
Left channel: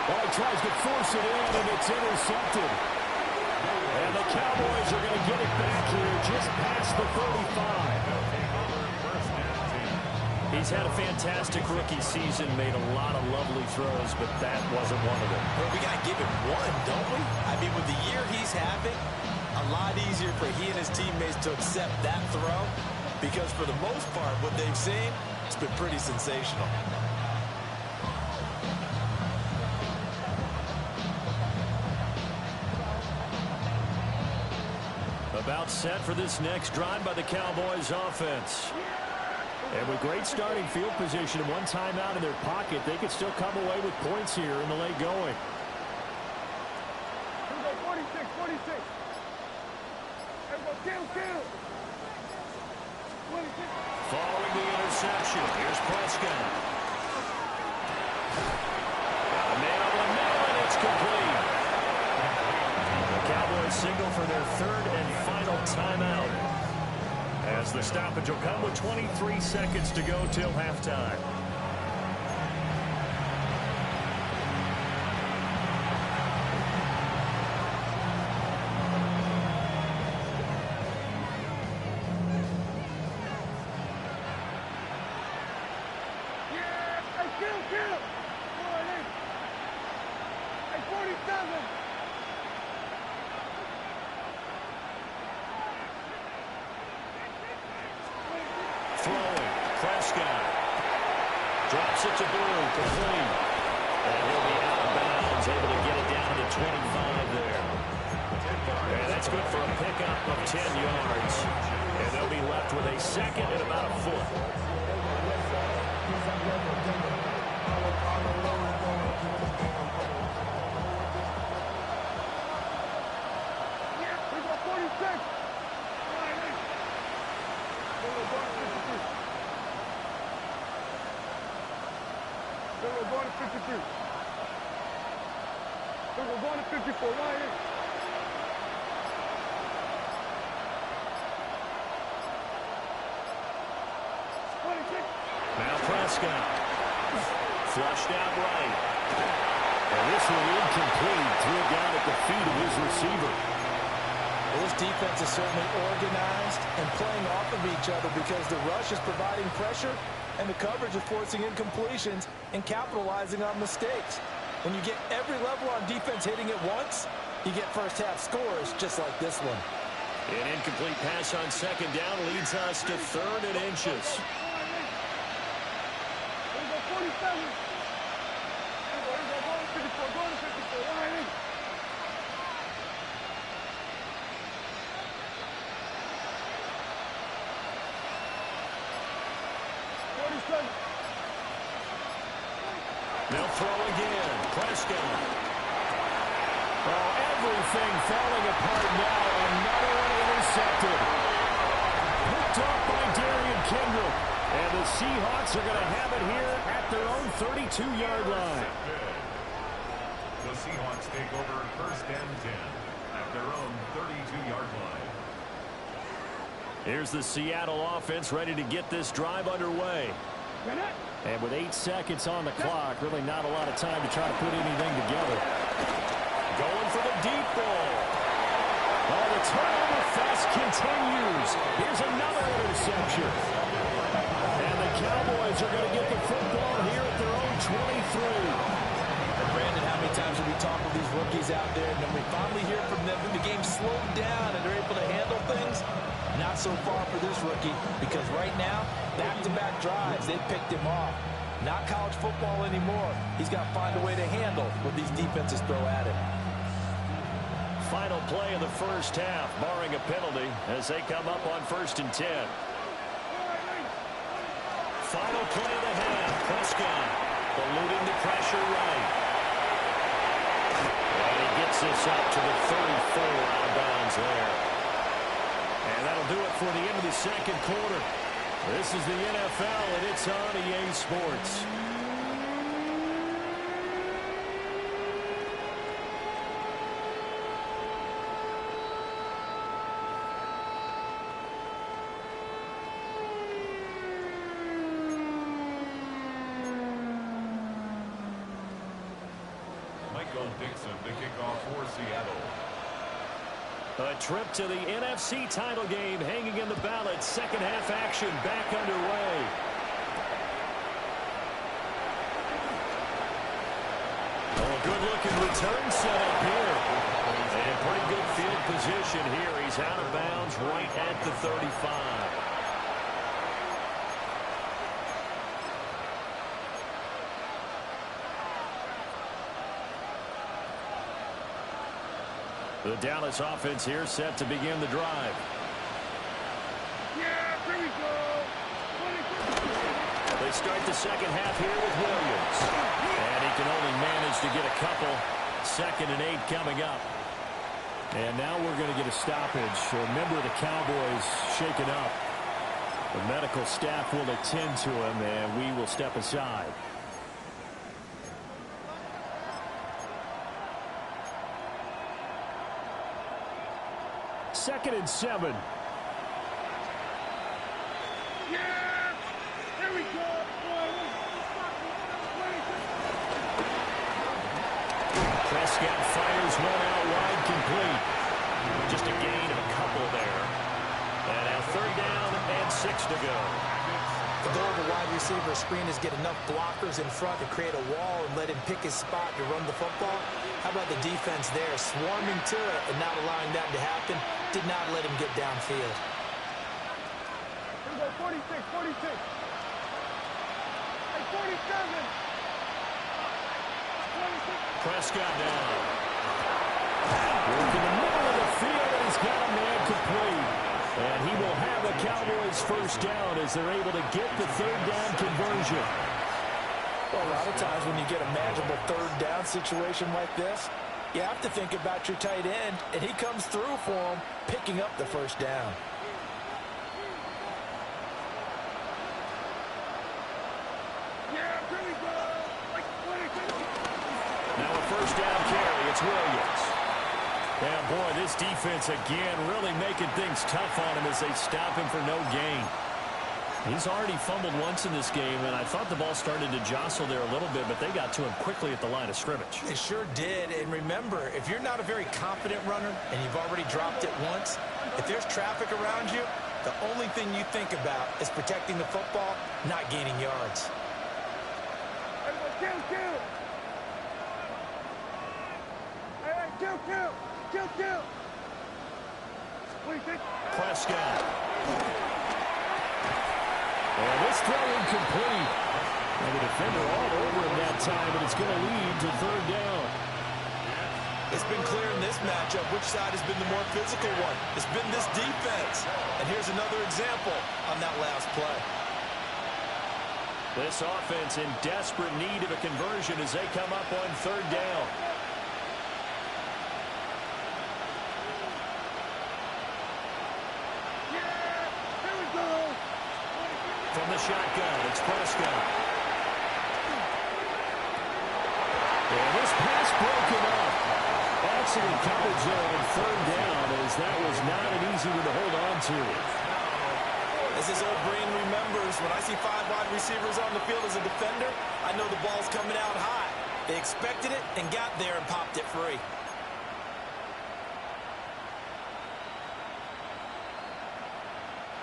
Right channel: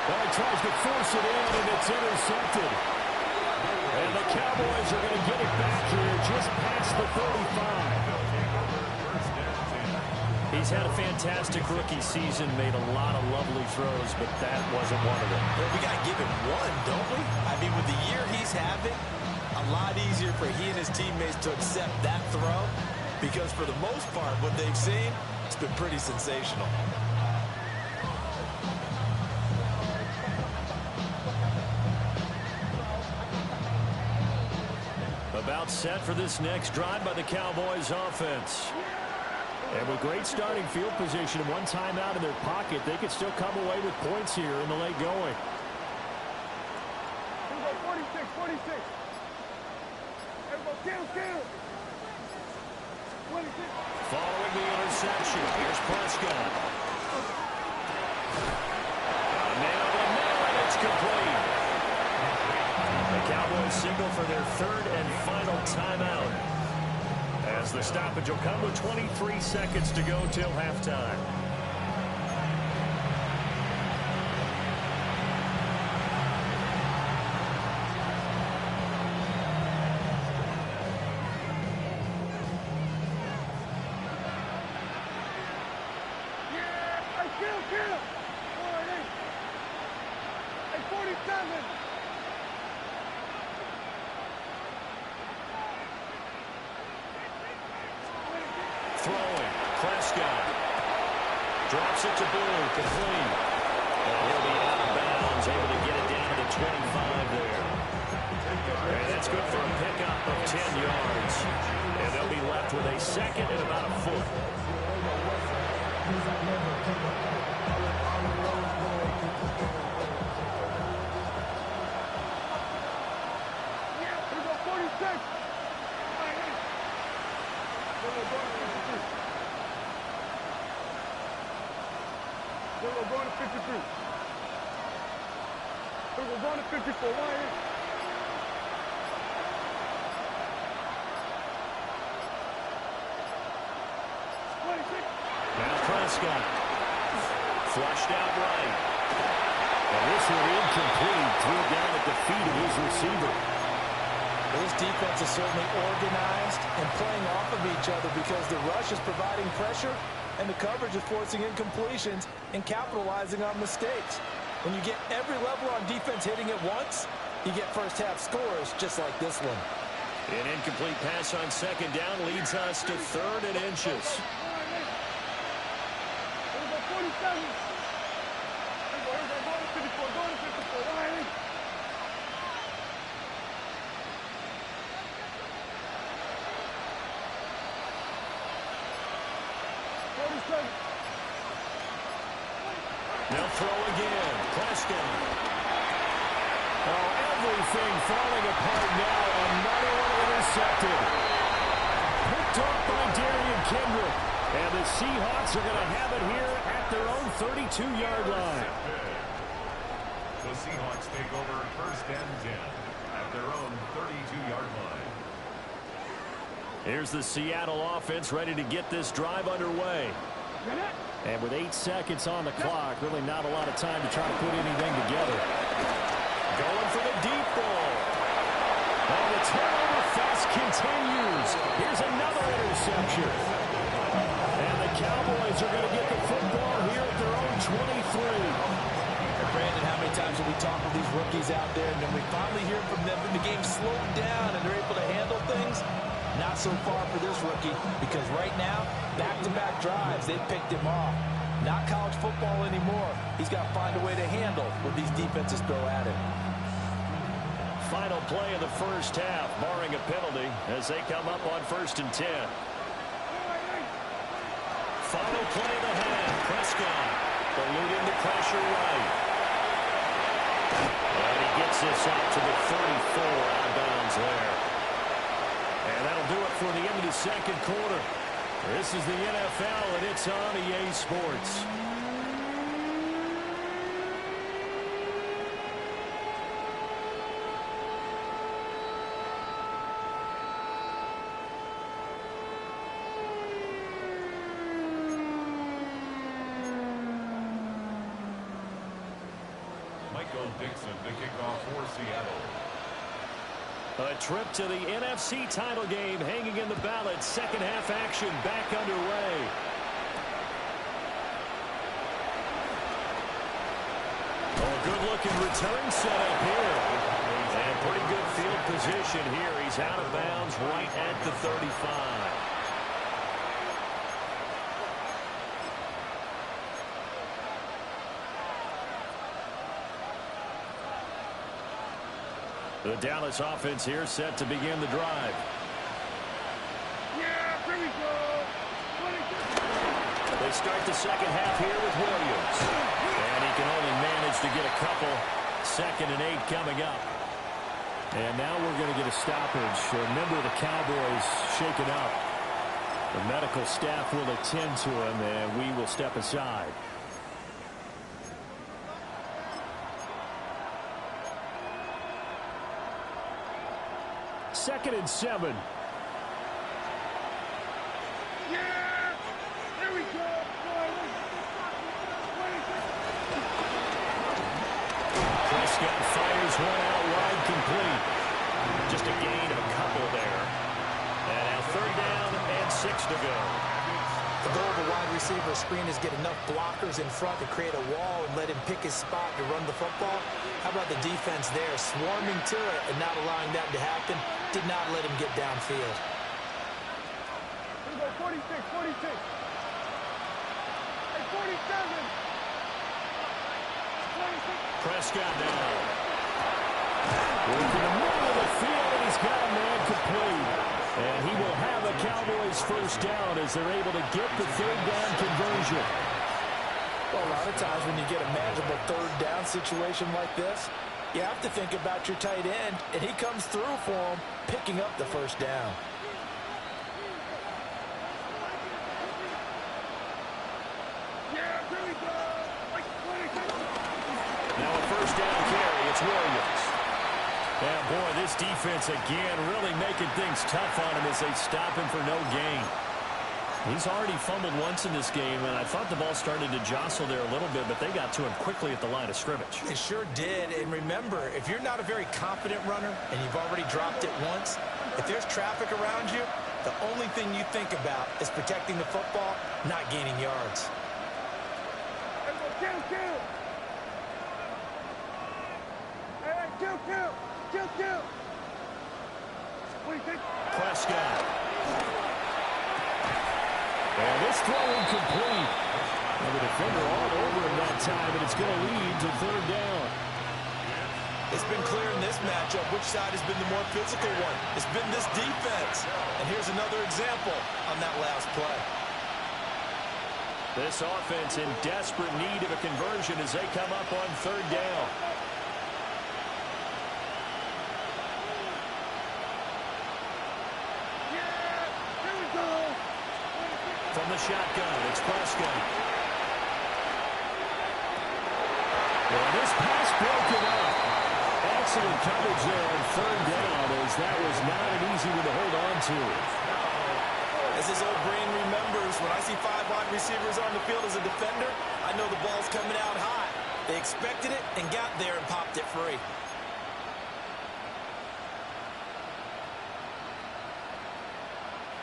Well, he tries to force it in, and it's intercepted. And the Cowboys are going to get it back here just past the 35. He's had a fantastic rookie season, made a lot of lovely throws, but that wasn't one of them. Well, we got to give him one, don't we? I mean, with the year he's having, a lot easier for he and his teammates to accept that throw because for the most part, what they've seen, it's been pretty sensational. About set for this next drive by the Cowboys offense. And with great starting field position and 1 timeout in their pocket, they could still come away with points here in the late going. 46, 46. Kill. 26. Following the interception, here's Prescott. Got a man over the middle, and it's complete. The Cowboys signal for their 3rd and final timeout, as the stoppage will come with 23 seconds to go till halftime. Kill! 47! Throwing, Prescott. Drops it to Blue, complete. And he'll be out of bounds, able to get it down to the 25 there. And that's good for a pickup of 10 yards. And they'll be left with a 2nd and about a foot. Here go 46! Then we're going to 53. Then we're going to 54. Why is? Now Prescott. Flushed out right. And this one incomplete. Threw it down at the feet of his receiver. This defense is certainly organized and playing off of each other because the rush is providing pressure, and the coverage is forcing incompletions and capitalizing on mistakes. When you get every level on defense hitting at once, you get first-half scores just like this one. An incomplete pass on second down leads us to 3rd and inches. 47. Go to 54. Go to 54. Riley. 47. They'll throw again. Prescott. Oh, everything falling apart now. Another one intercepted. Picked off by Darian Kendrick. And the Seahawks are going to have it here at their own 32-yard line. The Seahawks take over 1st and 10 at their own 32-yard line. Here's the Seattle offense ready to get this drive underway. And with 8 seconds on the clock, really not a lot of time to try to put anything together. Going for the deep ball. Oh, the turnover fest continues. Here's another interception. And the Cowboys are going to get the football here at their own 23. And Brandon, how many times have we talked with these rookies out there, and then we finally hear from them that the game slowed down and they're able to handle things? Not so far for this rookie, because right now, back-to-back drives, they picked him off. Not college football anymore. He's got to find a way to handle what these defenses throw at him. Final play of the first half, barring a penalty, as they come up on 1st and 10. Final play of the half. Prescott eluding the pressure right. And he gets this up to the 34 out of bounds there. And that'll do it for the end of the second quarter. This is the NFL, and it's on EA Sports. Dixon to kick off for Seattle. A trip to the NFC title game hanging in the balance. Second half action back underway. Oh, good looking return set up here. And pretty good field position here. He's out of bounds right at the 35. The Dallas offense here set to begin the drive. Yeah, here we go. They start the second half here with Williams. And he can only manage to get a couple. 2nd and 8 coming up. And now we're going to get a stoppage. A member of the Cowboys shaken up. The medical staff will attend to him, and we will step aside. 2nd and 7. Yeah! There we go! Prescott fires one out wide, complete. Just a gain of a couple there. And now 3rd down and 6 to go. The goal of a wide receiver screen is get enough blockers in front to create a wall and let him pick his spot to run the football. How about the defense there, swarming to it and not allowing that to happen? Did not let him get downfield. Here we go, 46, 46. Hey, 47. 26. Prescott down. Work in the middle of the field, and he's got a man complete. And he will have the Cowboys 1st down as they're able to get the 3rd down conversion. Well, a lot of times when you get a manageable 3rd down situation like this, you have to think about your tight end, and he comes through for him, picking up the 1st down. Yeah, here we go. Like 26. Now a 1st down carry. It's Williams. Yeah, boy, this defense again really making things tough on him as they stop him for no gain. He's already fumbled once in this game, and I thought the ball started to jostle there a little bit, but they got to him quickly at the line of scrimmage. It sure did, and remember, if you're not a very confident runner and you've already dropped it once, if there's traffic around you, The only thing you think about is protecting the football, not gaining yards. Kill. Prescott. And this throw incomplete. Well, the defender all over him that time, and it's going to lead to third down. It's been clear in this matchup which side has been the more physical one. It's been this defense. And here's another example on that last play. This offense in desperate need of a conversion as they come up on third down. From the shotgun, it's Prescott. And this pass broken up. Excellent coverage there on third down, as that was not an easy one to hold on to. As his old brain remembers, when I see 5 wide receivers on the field as a defender, I know the ball's coming out high. They expected it and got there and popped it free.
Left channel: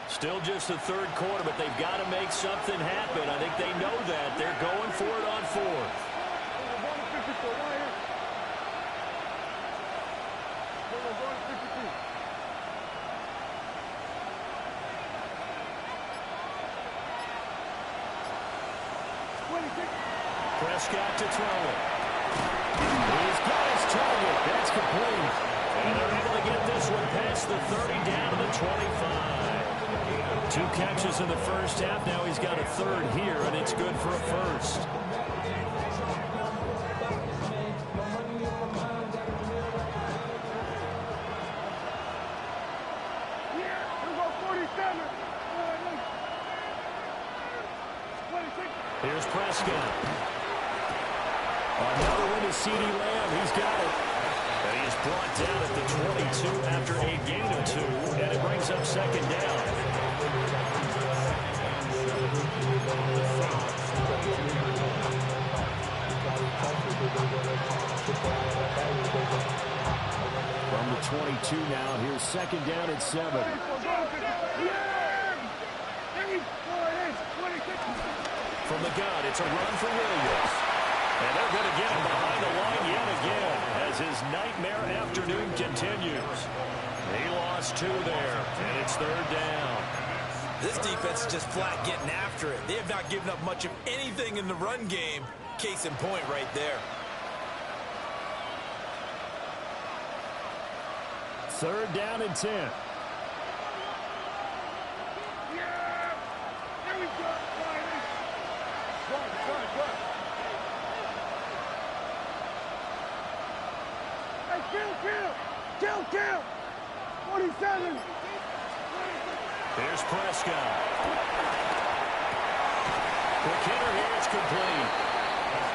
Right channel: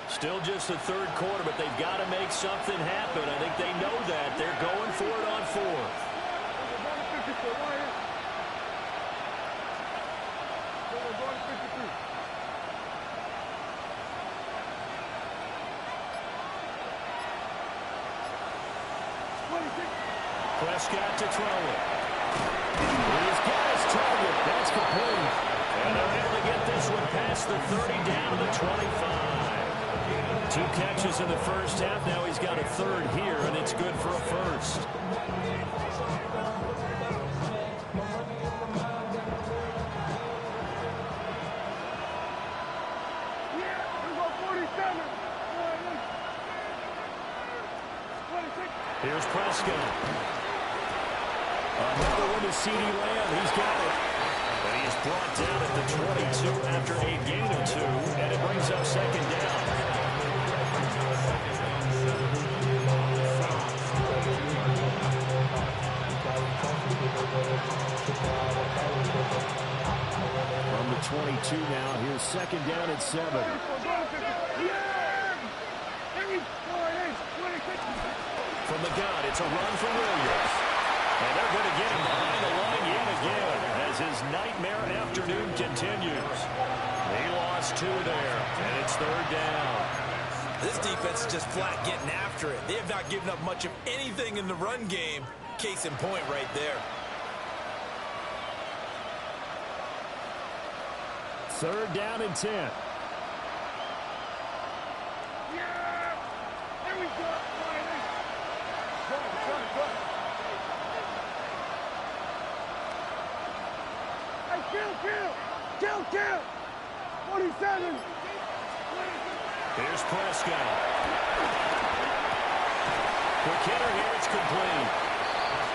Still just the third quarter, but they've got to make something happen. I think they know that. They're going for it on fourth. Prescott to throw it. He's got his target. That's complete. And they're able to get this one past the 30 down to the 25. 2 catches in the first half. Now he's got a third here, and it's good for a first. Here's Prescott. Another one to CeeDee Lamb. He's got it. And he is brought down at the 22 after a gain of 2, and it brings up second down. From the 22 now, here's second down at 7. From the gun, it's a run for Williams. And they're going to get him behind the line yet again as his nightmare afternoon continues. He lost 2 there, and it's third down. This defense is just flat getting after it. They have not given up much of anything in the run game. Case in point right there. Third down and 10. Yeah! There we go! Good. Hey, kill! 47! Here's Prescott. Quick hitter here, it's complete.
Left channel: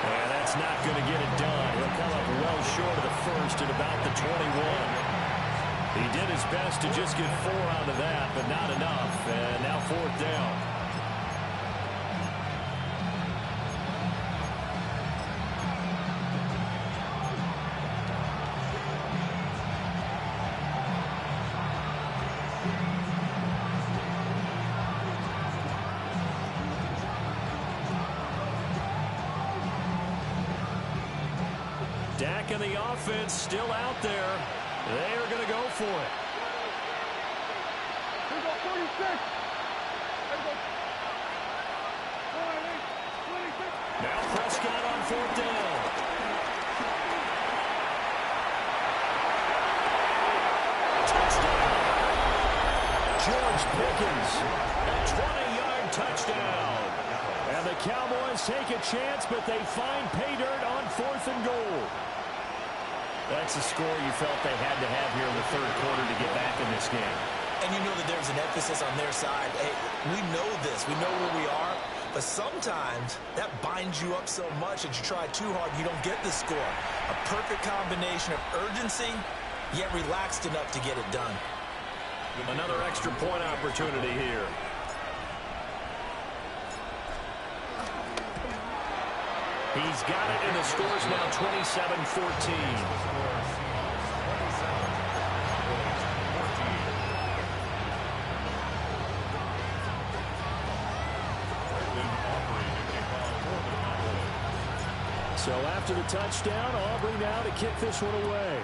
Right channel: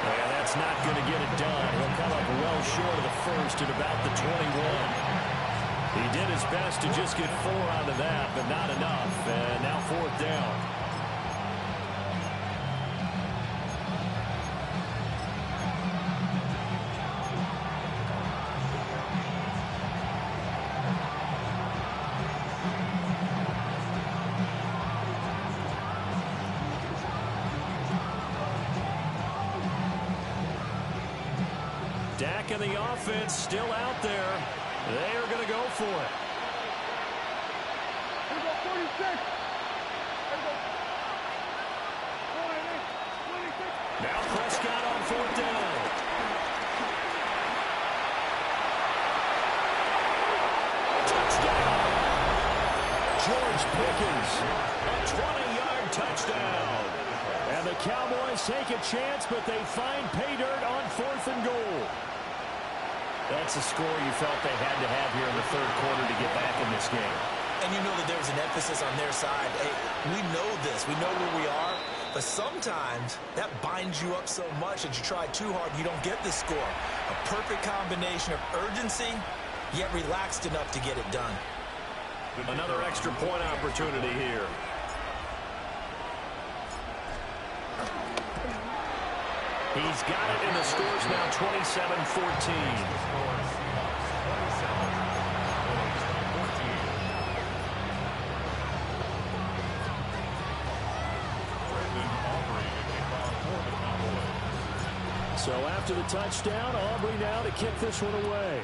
And that's not going to get it done. He'll come up well short of the first at about the 21. He did his best to just get 4 out of that, but not enough. And now fourth down. Dak and the offense still out there. They are going to go for it. Here we go, 46. Here we go. 26. Now Prescott on fourth down. Touchdown. George Pickens, a 20-yard touchdown. And the Cowboys take a chance, but they find pay dirt on 4th and goal. That's a score you felt they had to have here in the third quarter to get back in this game. And you know that there's an emphasis on their side. Hey, we know this. We know where we are. But sometimes that binds you up so much that you try too hard, you don't get the score. A perfect combination of urgency, yet relaxed enough to get it done. Another extra point opportunity here. He's got it, and the score's now 27-14. So after the touchdown, Aubrey now to kick this one away.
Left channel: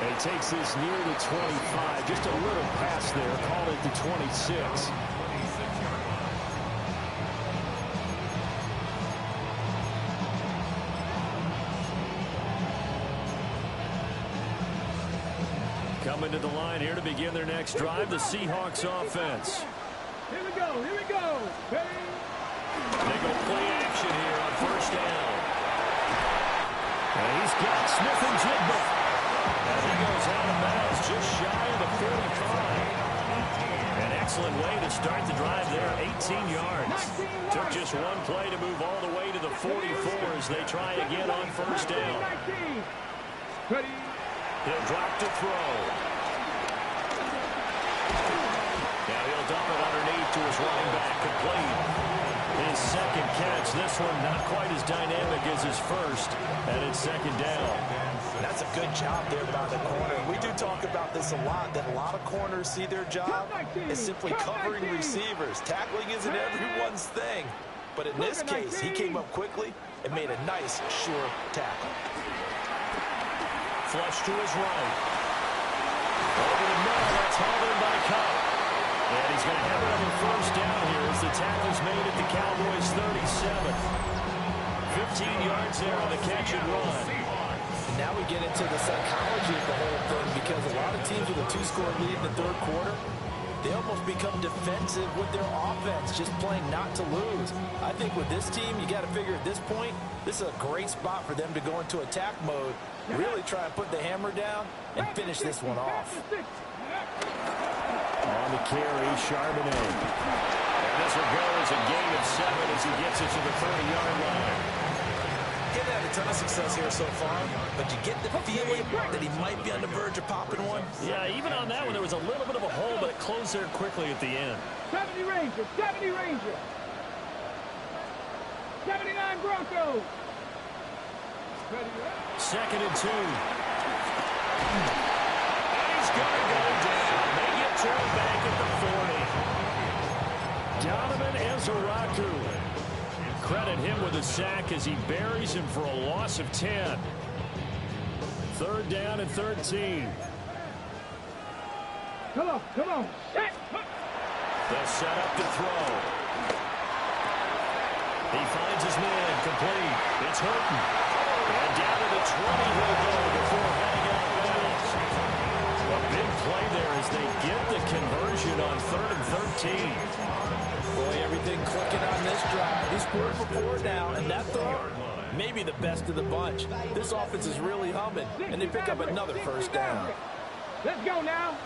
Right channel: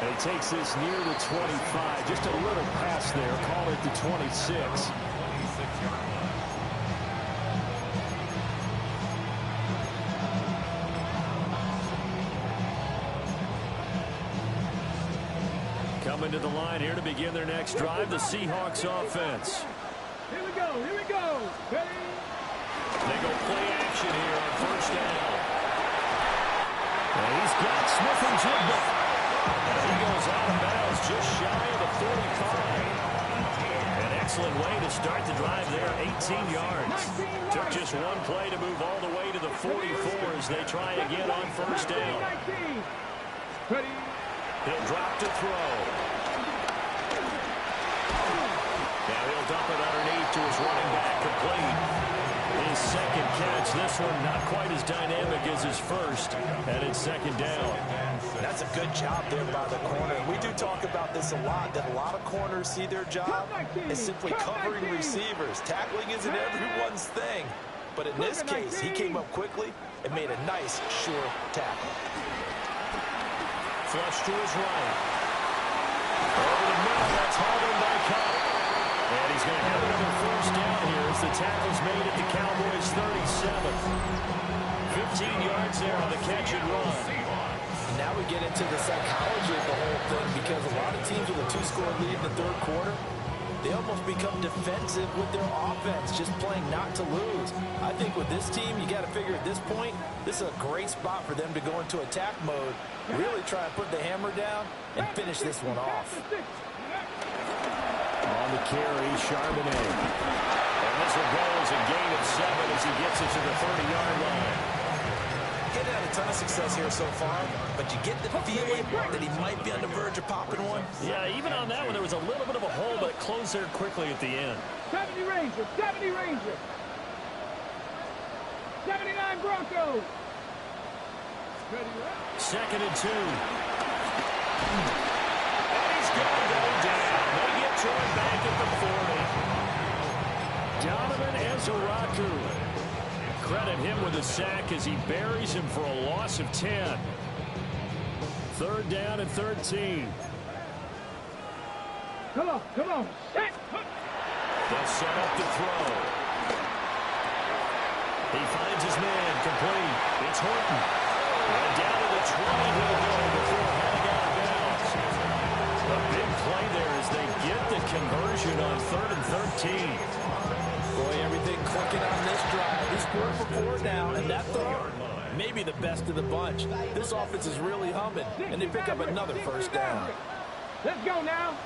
And he takes this near the 25. Just a little pass there. Call it the 26. 26-yard line. Coming to the line here to begin their next drive, the Seahawks offense. Here we go. Here we go. Ready? They go play action here on first down. And he's got Smith-Njigba. And he goes out of bounds just shy of the 45. An excellent way to start the drive there, 18 yards. Took just one play to move all the way to the 44 as they try again on first down. Ready? He'll drop to throw. Now he'll dump it underneath to his running back, complete. His second catch, this one not quite as dynamic as his first, and it's second down. That's a good job there by the corner. We do talk about this a lot, that a lot of corners see their job as simply covering receivers. Tackling isn't everyone's thing, but in this case, he came up quickly and made a nice, sure tackle. Flush to his right. Over the middle, that's hauled in by Cup. And he's going to have another first down here as the tackle's made at the Cowboys' 37. 15 yards there on the catch and run. And now we get into the psychology of the whole thing, because a lot of teams with a two-score lead in the third quarter, they almost become defensive with their offense, just playing not to lose. I think with this team, you got to figure at this point, this is a great spot for them to go into attack mode, really try and put the hammer down and finish this one off. On the carry, Charbonnet. And this will go as a gain of 7 as he gets it to the 30-yard line. He hasn't had a ton of success here so far, but you get the feeling that he might be on the verge of popping one. Yeah, even on that one, there was a little bit of a hole, but it closed there quickly at the end. 70 Ranger, 70 Ranger. 79 Broncos. Ready, right? 2nd and 2. And he's going to go down. They get to him back at the 40. Donovan Ezeraku. Credit him with a sack as he buries him for a loss of 10. 3rd down and 13. Come on, come on. Set. They'll set up to throw. He finds his man, complete. It's Horton. And down to the 20 he'll go before heading out of bounds. A big play there as they get the conversion on 3rd and 13. Boy, everything clicking on this drive. He's 4 for 4 now, and that throw, maybe the best of the bunch. This offense is really humming, and they pick up another first down. Let's go now.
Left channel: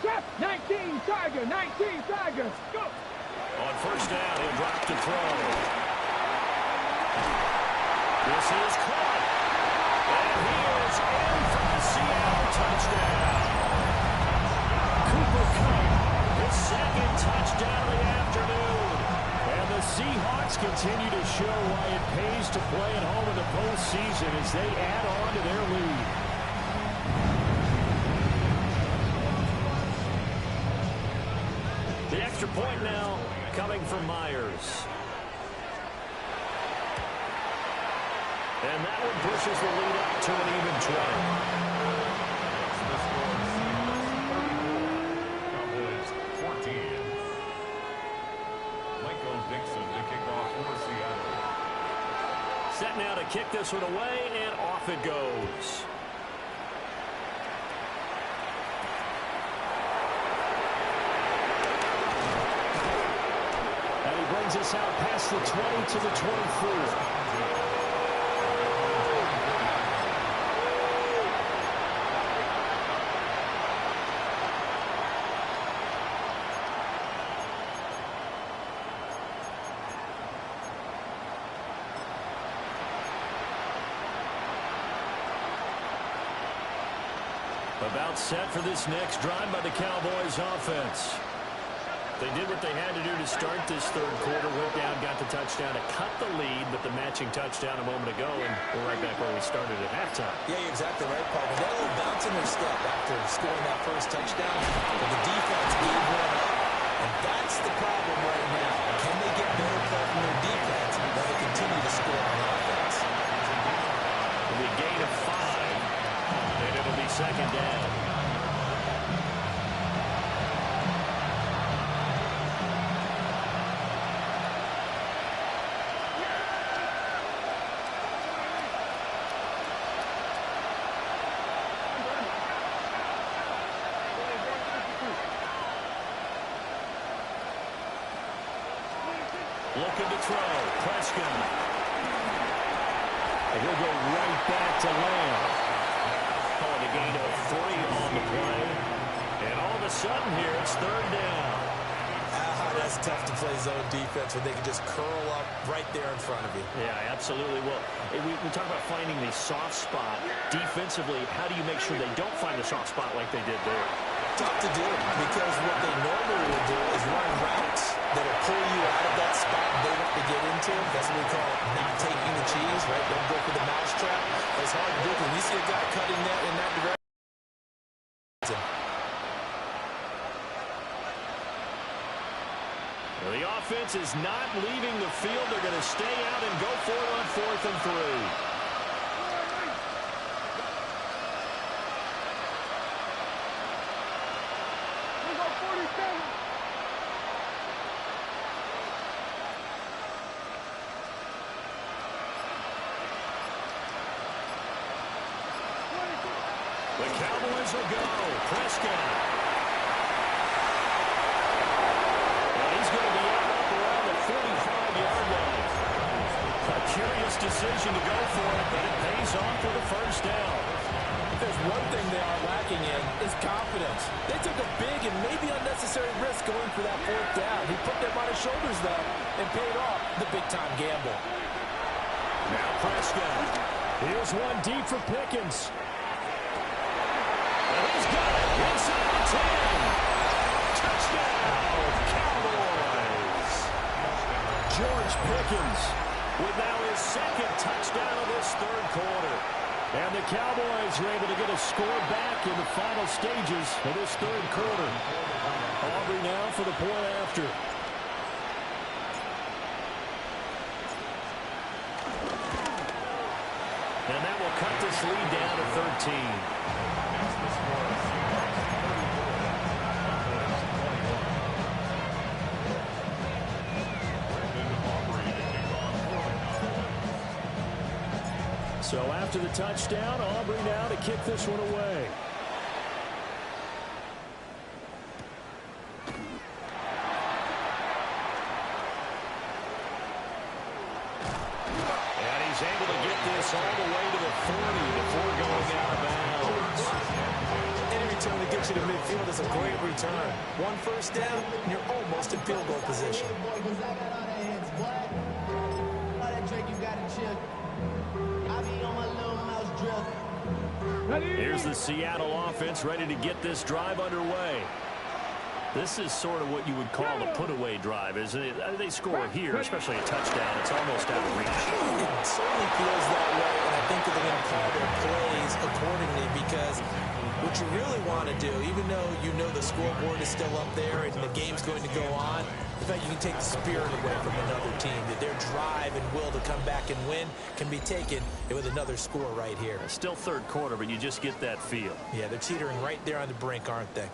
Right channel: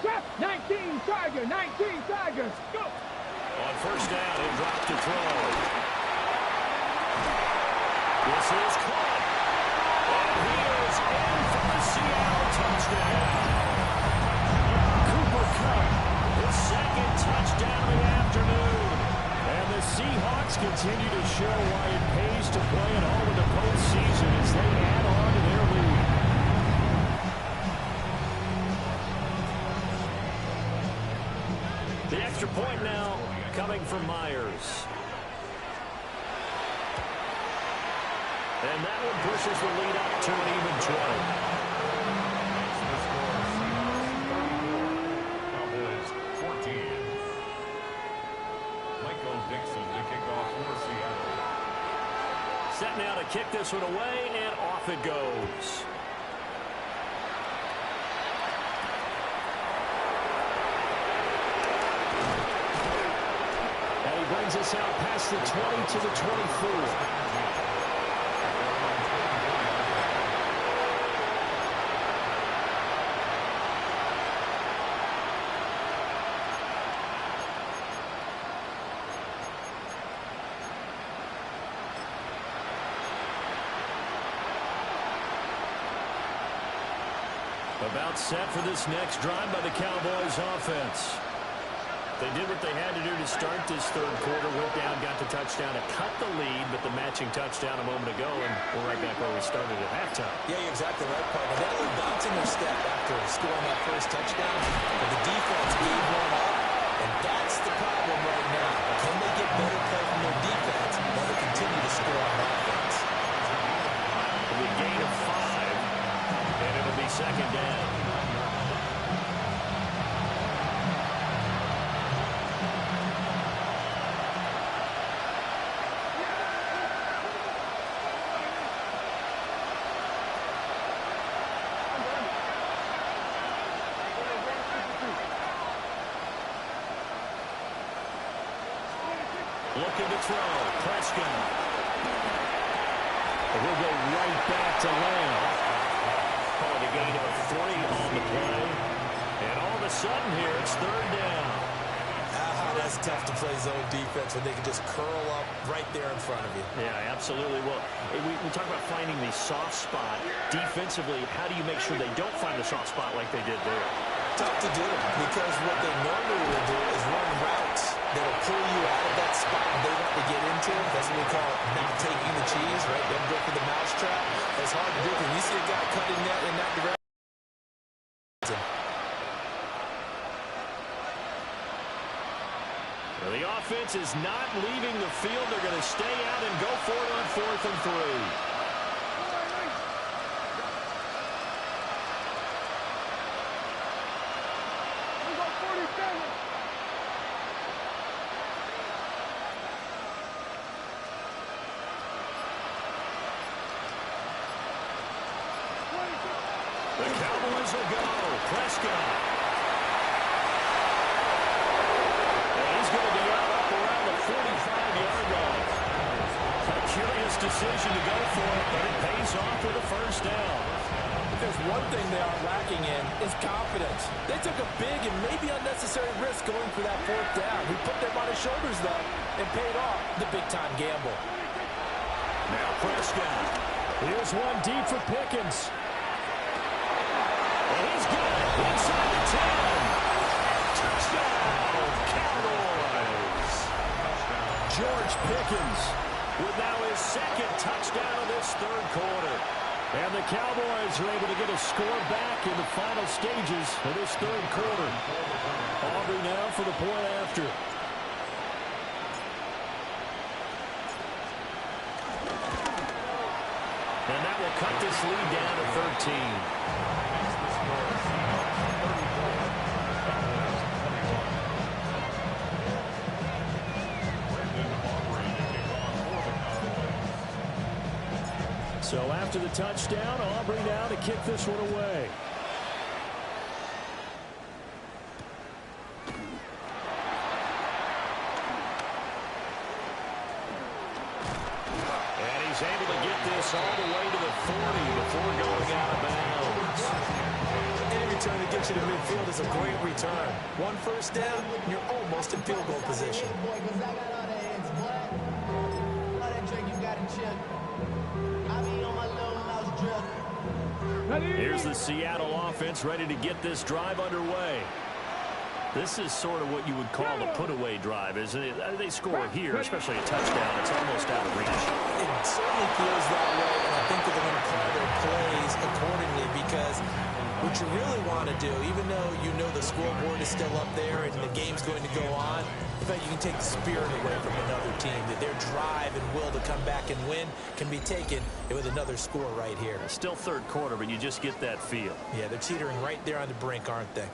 Stop. 19 Tiger, 19 Tiger. Go. On first down, he'll drop to throw. This is caught. And he is in for the Seattle touchdown. Cooper Kupp, his second touchdown of the afternoon. And the Seahawks continue to show why it pays to play at home in the postseason as they add on to their lead. The extra point now coming from Myers. And that one pushes the lead up to an even 20. Makes the score Seahawks 34, Cowboys 14. Michael Dixon to kick off for Seattle. Set now to kick this one away, and off it goes. And he brings us out past the 20 to the 24. About set for this next drive by the Cowboys offense. They did what they had to do to start this third quarter. Went down, got the touchdown to cut the lead, but the matching touchdown a moment ago, and we're right back where we started at halftime. Yeah, you're exactly right, partner. They had a little bounce in their step after scoring that first touchdown, but the defense gave one up, and that's the problem right now. Can they get better play from their defense while they continue to score on offense? It'll be a gain of 5, and it'll be second down. Looking to throw. Prescott. And he'll go right back to Lamb. Calling a gain of 3 on the play. And all of a sudden here, it's third down. That's tough to play zone defense when they can just curl up right there in front of you. Yeah, absolutely. Well, we talk about finding the soft spot. Defensively, how do you make sure they don't find the soft spot like they did there? Tough to do because what they normally will do is run routes that'll pull you out of that spot they want to get into. That's what we call not taking the cheese, right? Don't go for the mousetrap. It's hard to do because you see a guy cutting that in that direction. Well, the offense is not leaving the field. They're going to stay out and go for it on 4th and 3. The Cowboys will go. Prescott. And he's going to be out up around the 45-yard line. A curious decision to go for it, but it pays off with a first down. There's one thing they are lacking in is confidence. They took a big and maybe unnecessary risk going for that 4th down. He put them on his shoulders, though, and paid off the big-time gamble. Now Prescott. Here's one deep for Pickens. And he's got it inside the 10. Touchdown, Cowboys. George Pickens with now his 2nd touchdown of this third quarter. And the Cowboys are able to get a score back in the final stages of this third quarter. Aubrey now for the point after. And that will cut this lead down to 13. Makes the score Seahawks 34, Cowboys 21. Brandon Aubrey to kick off for the Cowboys. So after the touchdown, Aubrey now to kick this one away. And he's able to get this all the way to the 40 before going out of bounds. Any return that gets you to midfield is a great return. 1 first down, and you're almost in field goal position. Here's the Seattle offense ready to get this drive underway. This is sort of what you would call a put-away drive, isn't it? They score here, especially a touchdown. It's almost out of reach. It certainly feels that way, and I think that they're going to call their plays accordingly because what you really want to do, even though you know the scoreboard is still up there and the game's going to go on, in fact, you can take the spirit away from another team, that their drive and will to come back and win can be taken with another score right here. Still third quarter, but you just get that feel. Yeah, they're teetering right there on the brink, aren't they?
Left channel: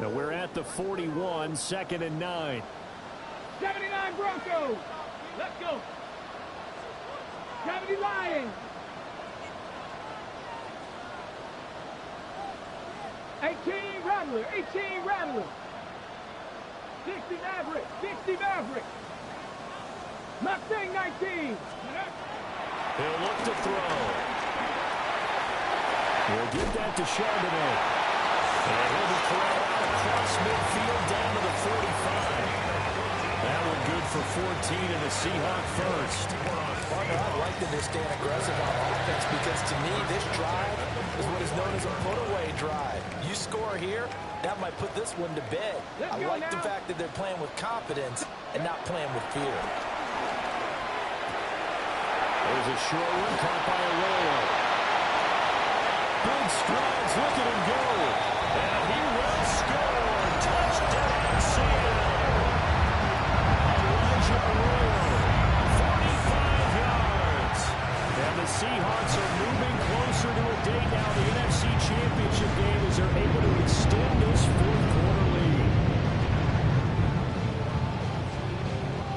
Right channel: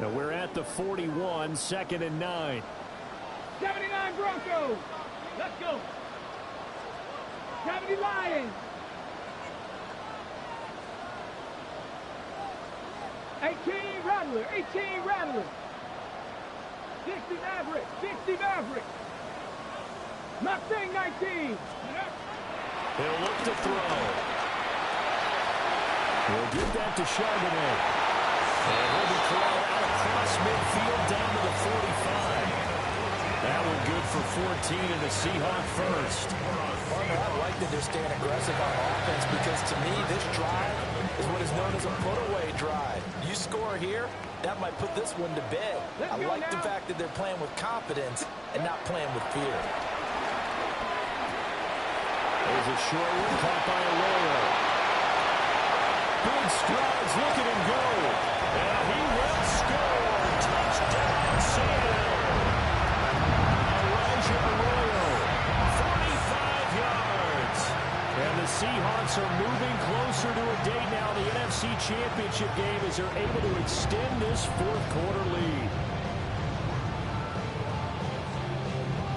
Now we're at the 41, 2nd and 9. 79 Broncos. Let's go. 70 Lions. 18 Rattler. 18 Rattler. 60 Maverick. 60 Maverick. Mustang 19. He'll look to throw. He'll give that to Charbonnet. And he'll be corralled out across midfield down to the 45. That one good for 14 and a Seahawk first. Partner, I like that they're staying aggressive on offense because to me, this drive is what is known as a put-away drive. You score here, that might put this one to bed. I like the fact that they're playing with confidence and not playing with fear. There's a short one caught by Arroyo. Big strides, look at him go. And he will score. Touchdown, Seattle. Elijah Arroyo, 45 yards. And the Seahawks are moving closer to a date now. The NFC Championship game as they're able to extend this fourth-quarter lead.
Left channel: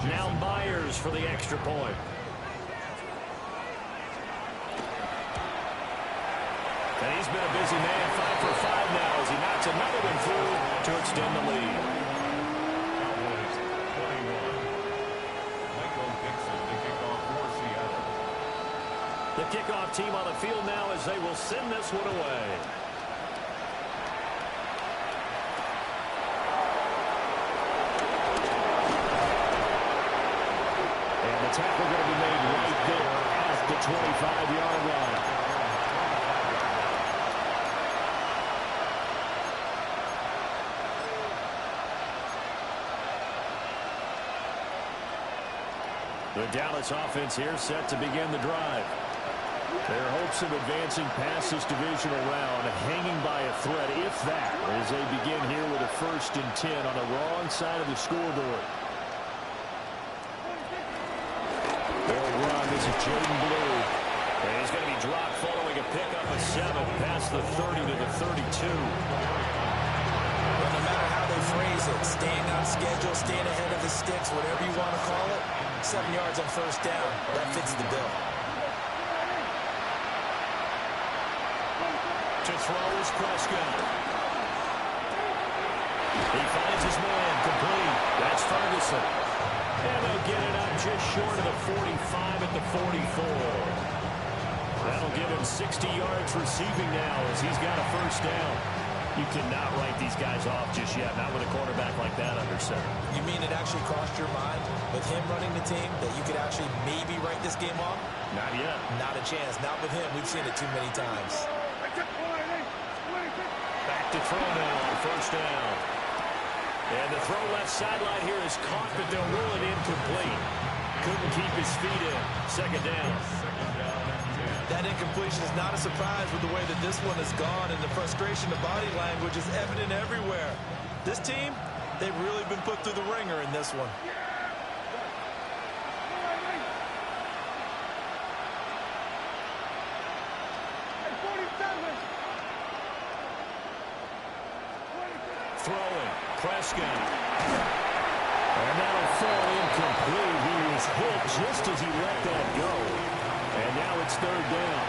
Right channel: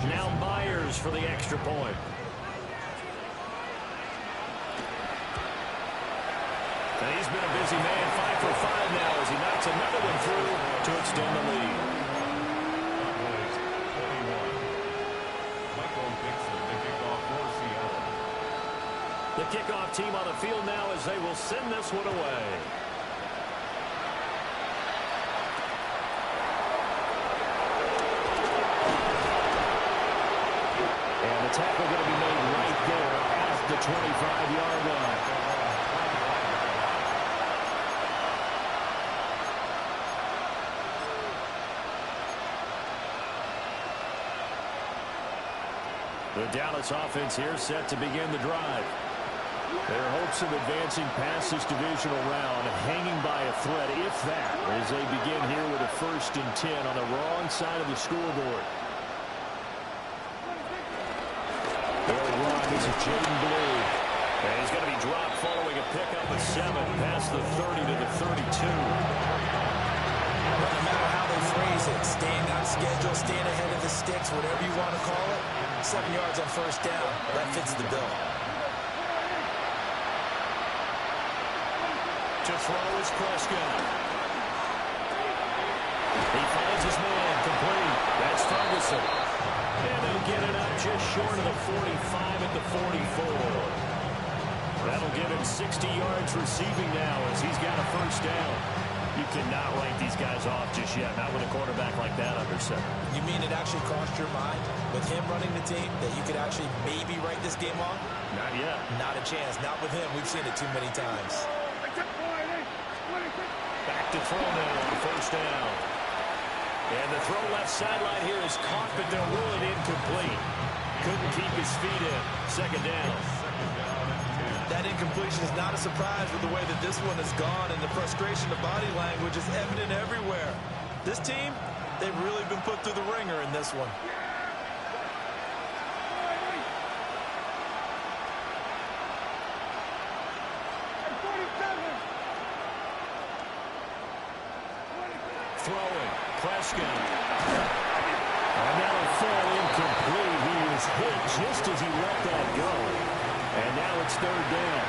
Now Myers for the extra point. And he's been a busy man, 5 for 5 now as he knocks another one through to extend the lead. Cowboys 21. Michael Dixon, the kickoff for Seattle. The kickoff team on the field now as they will send this one away. And the tackle going to be made right there at the 25-yard line. The Dallas offense here set to begin the drive. Their hopes of advancing past this divisional round hanging by a thread, if that, as they begin here with a 1st and 10 on the wrong side of the scoreboard. They'll run. This is Jaden Blue. And he's going to be dropped following a pickup of 7 past the 30 to the 32. Well, no matter how they phrase it, staying on schedule, staying ahead of the sticks, whatever you want to call it, 7 yards on 1st down, that fits the bill. To throw is Prescott. He finds his man complete. That's Ferguson. And they'll get it up just short of the 45 at the 44. That'll give him 60 yards receiving now as he's got a 1st down. You cannot write these guys off just yet, not with a quarterback like that under center. You mean it actually crossed your mind with him running the team that you could actually maybe write this game off? Not yet. Not a chance. Not with him. We've seen it too many times. Back to throw now on 1st down. And the throw left sideline here is caught, but they'll rule it incomplete. Couldn't keep his feet in. 2nd down. That incompletion is not a surprise with the way that this one has gone, and the frustration of body language is evident everywhere. This team, they've really been put through the ringer in this one. Throwing. Prescott. And that'll fall incomplete. He was hit just as he let that go. And now it's 3rd down.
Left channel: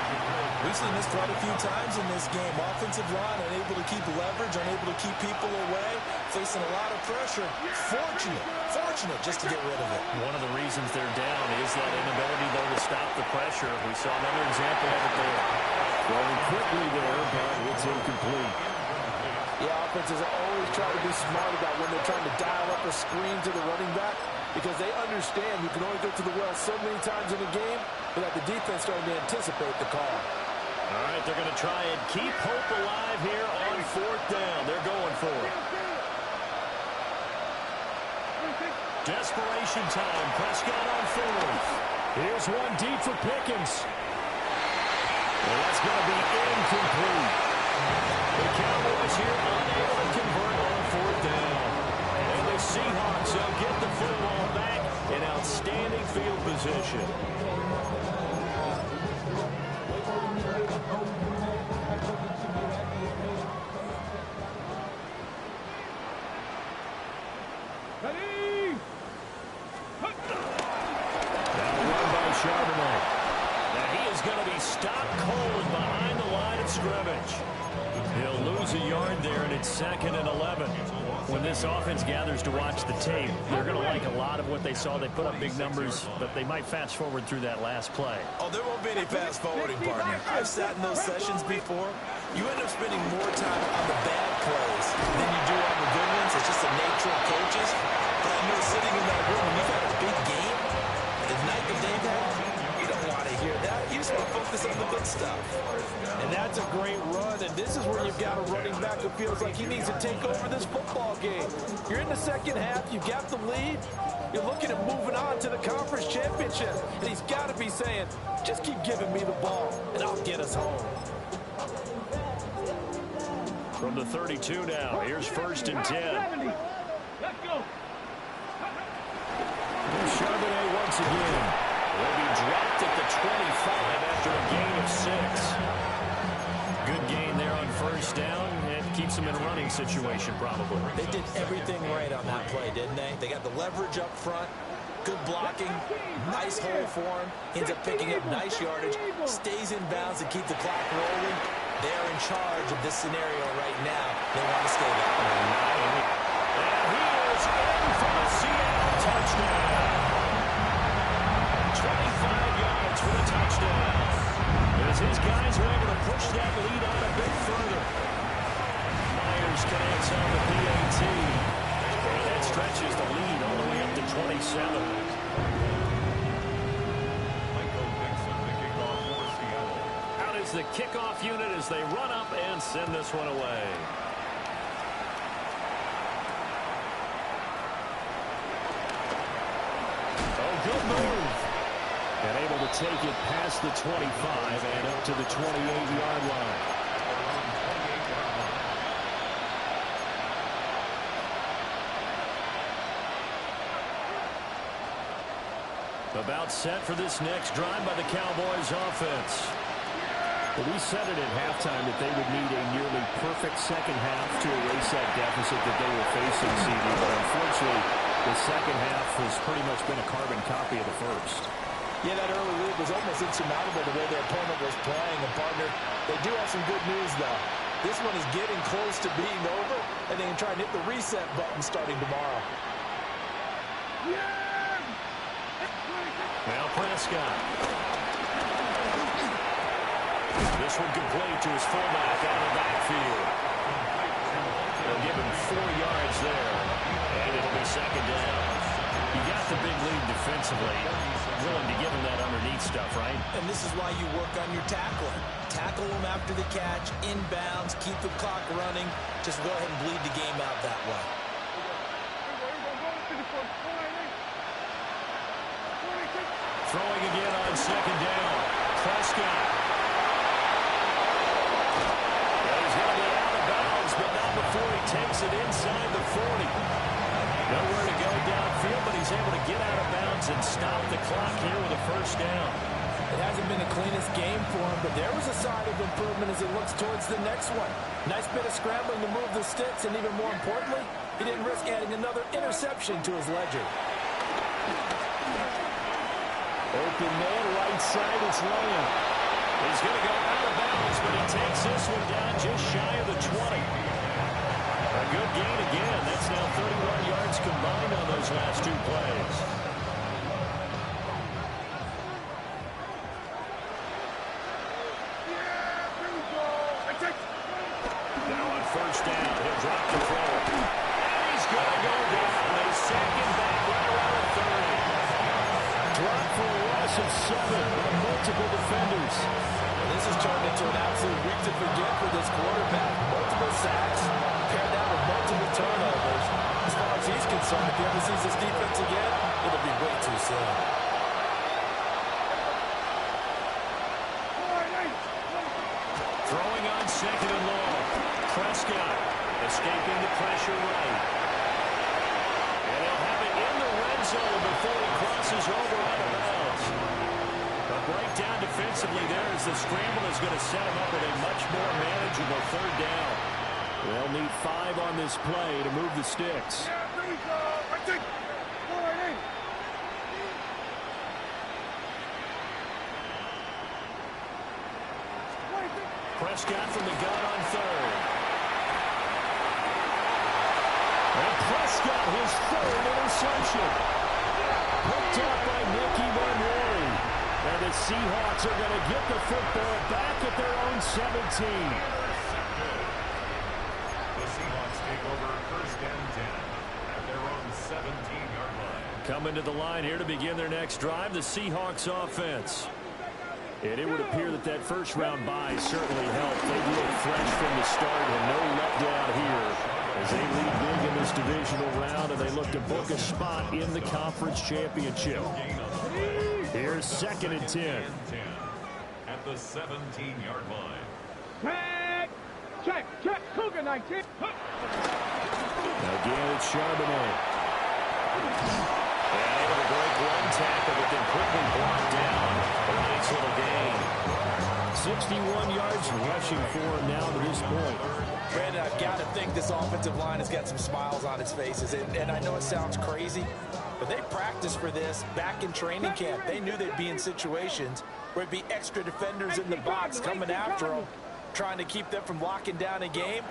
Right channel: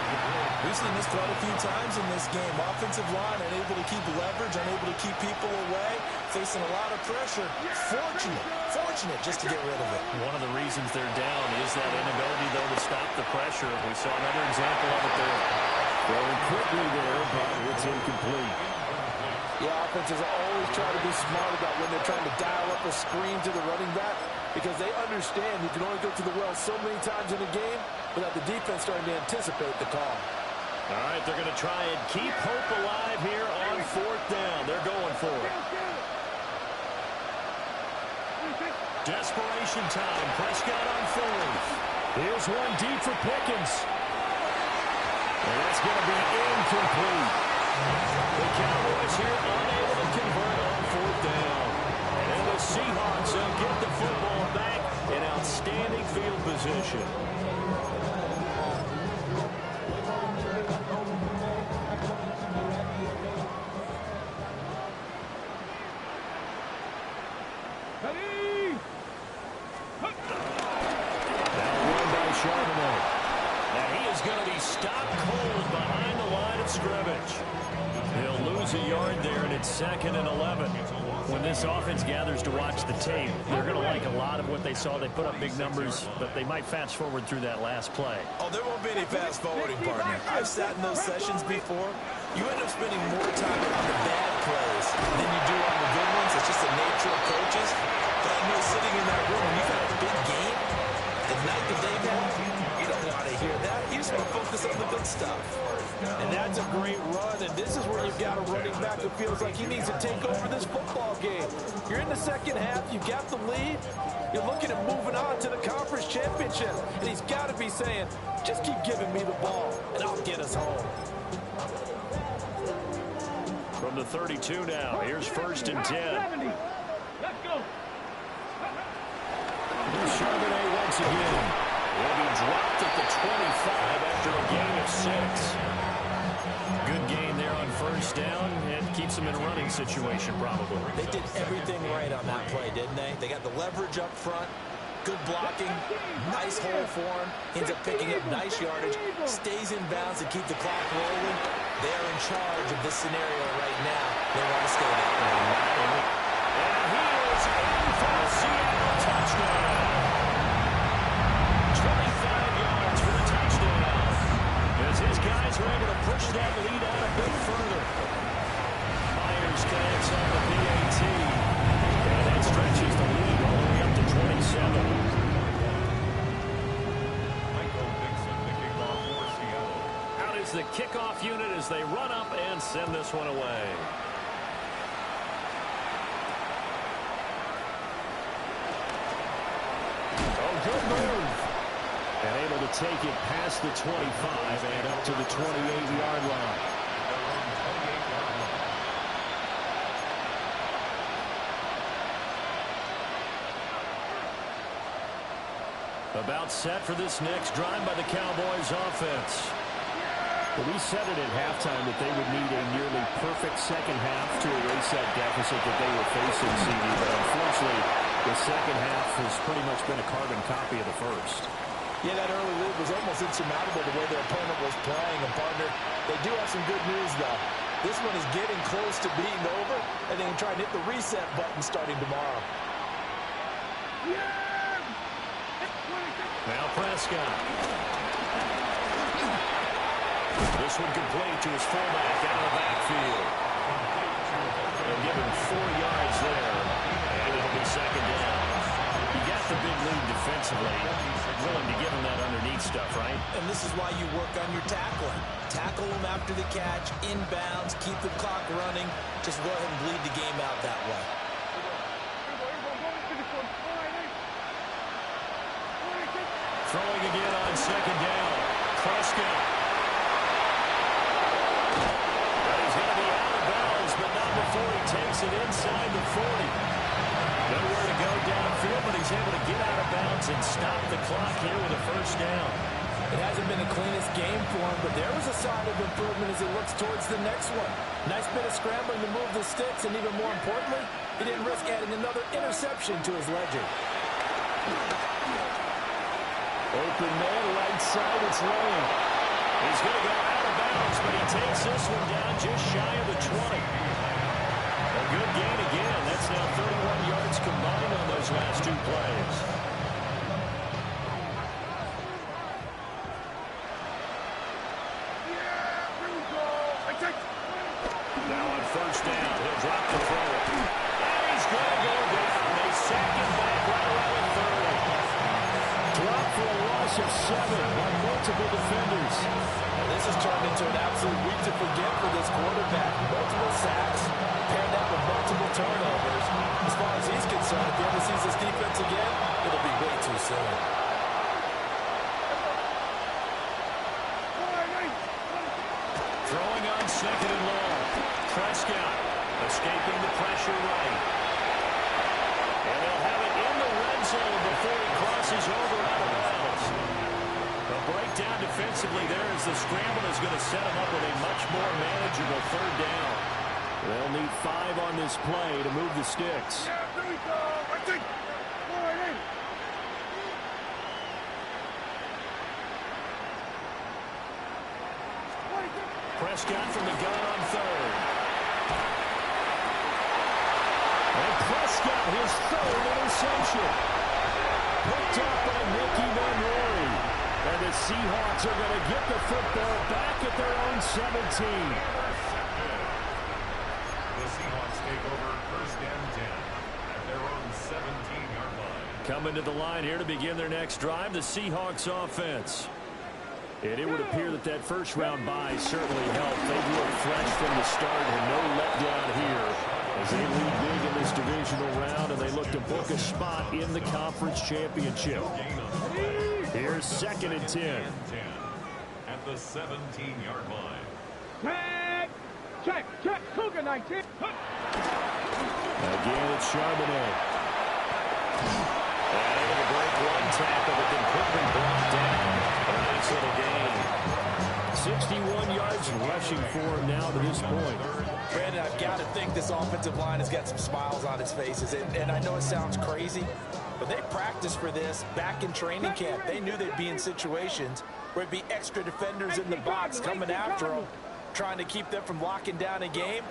We've seen this quite a few times in this game. Offensive line unable to keep leverage, unable to keep people away, facing a lot of pressure. Fortunate just to get rid of it. One of the reasons they're down is that inability, though, to stop the pressure. We saw another example of it there. Throwing quickly there, but it's incomplete. Yeah, offenses always try to be smart about when they're trying to dial up a screen to the running back because they understand you can only go to the well so many times in a game without the defense starting to anticipate the call. All right, they're going to try and keep hope alive here on 4th down. They're going for it. Desperation time. Prescott on 4th. Here's one deep for Pickens. And that's going to be incomplete. The Cowboys here unable to convert on 4th down. And the Seahawks will get the football back in outstanding field position. Now run by Charbonnet. Now he is going to be stopped cold behind the line of scrimmage. He'll lose a yard there, and it's 2nd and 11. When this offense gathers to watch the tape, they're going to like a lot of what they saw. They put up big numbers, but they might fast forward through that last play. Oh, there won't be any fast forwarding, partner. I've sat in those sessions before. You end up spending more time on the bad plays than you do on the good ones. It's just the nature of coaches. But I know sitting in that room, when you've had a big game, the night that they've had, you don't want to hear that. You just want to focus on the good stuff. And that's a great run, and this is where you've got a running back who feels like he needs to take over this football game. You're in the second half, you've got the lead, you're looking at moving on to the conference championship, and he's got to be saying, just keep giving me the ball, and I'll get us home. From the 32 now, here's 1st and 10. Let's go. Here's Charbonnet once again. He'll be dropped at the 25 after a gain of 6. Good gain there on 1st down, and keeps them in a running situation probably. They did everything right on that play, didn't they? They got the leverage up front, good blocking, nice hole for him, ends up picking up nice yardage, stays in bounds to keep the clock rolling. They are in charge of this scenario right now. They want to stay there. And he is in for a Seattle touchdown. 25 yards for the touchdown. As his guys are able to push that lead out a bit further. Myers connects on the PAT. And that stretches the lead all the way up to 27. Out is the kickoff unit as they run up and send this one away. Oh, good move. And able to take it past the 25 and up to the 28-yard line. About set for this next drive by the Cowboys offense. Well, we said it at halftime that they would need a nearly perfect second half to erase that deficit that they were facing, CD. But unfortunately, the second half has pretty much been a carbon copy of the first. Yeah, that early lead was almost insurmountable the way their opponent was playing. And, partner, they do have some good news, though. This one is getting close to being over, and they can try and hit the reset button starting tomorrow. Now Prescott. This one complete to his fullback out of the backfield. They'll give him 4 yards there, and it'll be second down. You got the big lead defensively. Willing to give him that underneath stuff, right? And this is why you work on your tackling. Tackle them after the catch, inbounds, keep the clock running. Just go ahead and bleed the game out that way. Throwing again on second down. Prescott. Well, he's going to be out of bounds, but not before he takes it inside the 40. Nowhere to go downfield, but he's able to get out of bounds and stop the clock here with a first down. It hasn't been the cleanest game for him, but there was a sign of improvement as he looks towards the next one. Nice bit of scrambling to move the sticks, and even more importantly, he didn't risk adding another interception to his ledger. Open man, right side, it's Lamb. He's going to go out of bounds, but he takes this one down just shy of the 20. A good gain again. That's now 31 yards combined on those last 2 plays. Now on first down, he'll drop the throw. And he's going to go down. They sack him back right around the 30. Drop for a loss of 7 by multiple defenders. Now, this has turned into an absolute week to forget for this quarterback. Multiple sacks, paired that with multiple turnovers. As far as he's concerned, if he ever sees this defense again, it'll be way too soon. Throwing on second and long. Prescott escaping the pressure right. And they'll have it in the red zone before he crosses over out of bounds. A breakdown defensively there as the scramble is going to set him up with a much more manageable third down. They'll need 5 on this play to move the sticks. Prescott from the gun on third. And Prescott, his 3rd interception. Picked up by Nicky Van Rory. And the Seahawks are going to get the football back at their own 17. The Seahawks take over 1st and 10 at their own 17-yard line. Coming to the line here to begin their next drive, the Seahawks offense. And it would appear that that first-round bye certainly helped. They've looked fresh from the start and no letdown here as they lead big in this divisional round, and they look to book a spot in the conference championship. Here's 2nd and 10. At the 17-yard line. Check, Cougar 19. Again, it's Charbonnet. And able to break one tackle, but then quickly brought down for a nice little gain. 61 yards rushing for him now to this point. Brandon, I've got to think this offensive line has got some smiles on its faces. And I know it sounds crazy, but they practiced for this back in training camp. They knew they'd be in situations where it'd be extra defenders in the box coming after them, trying to keep them from locking down a game.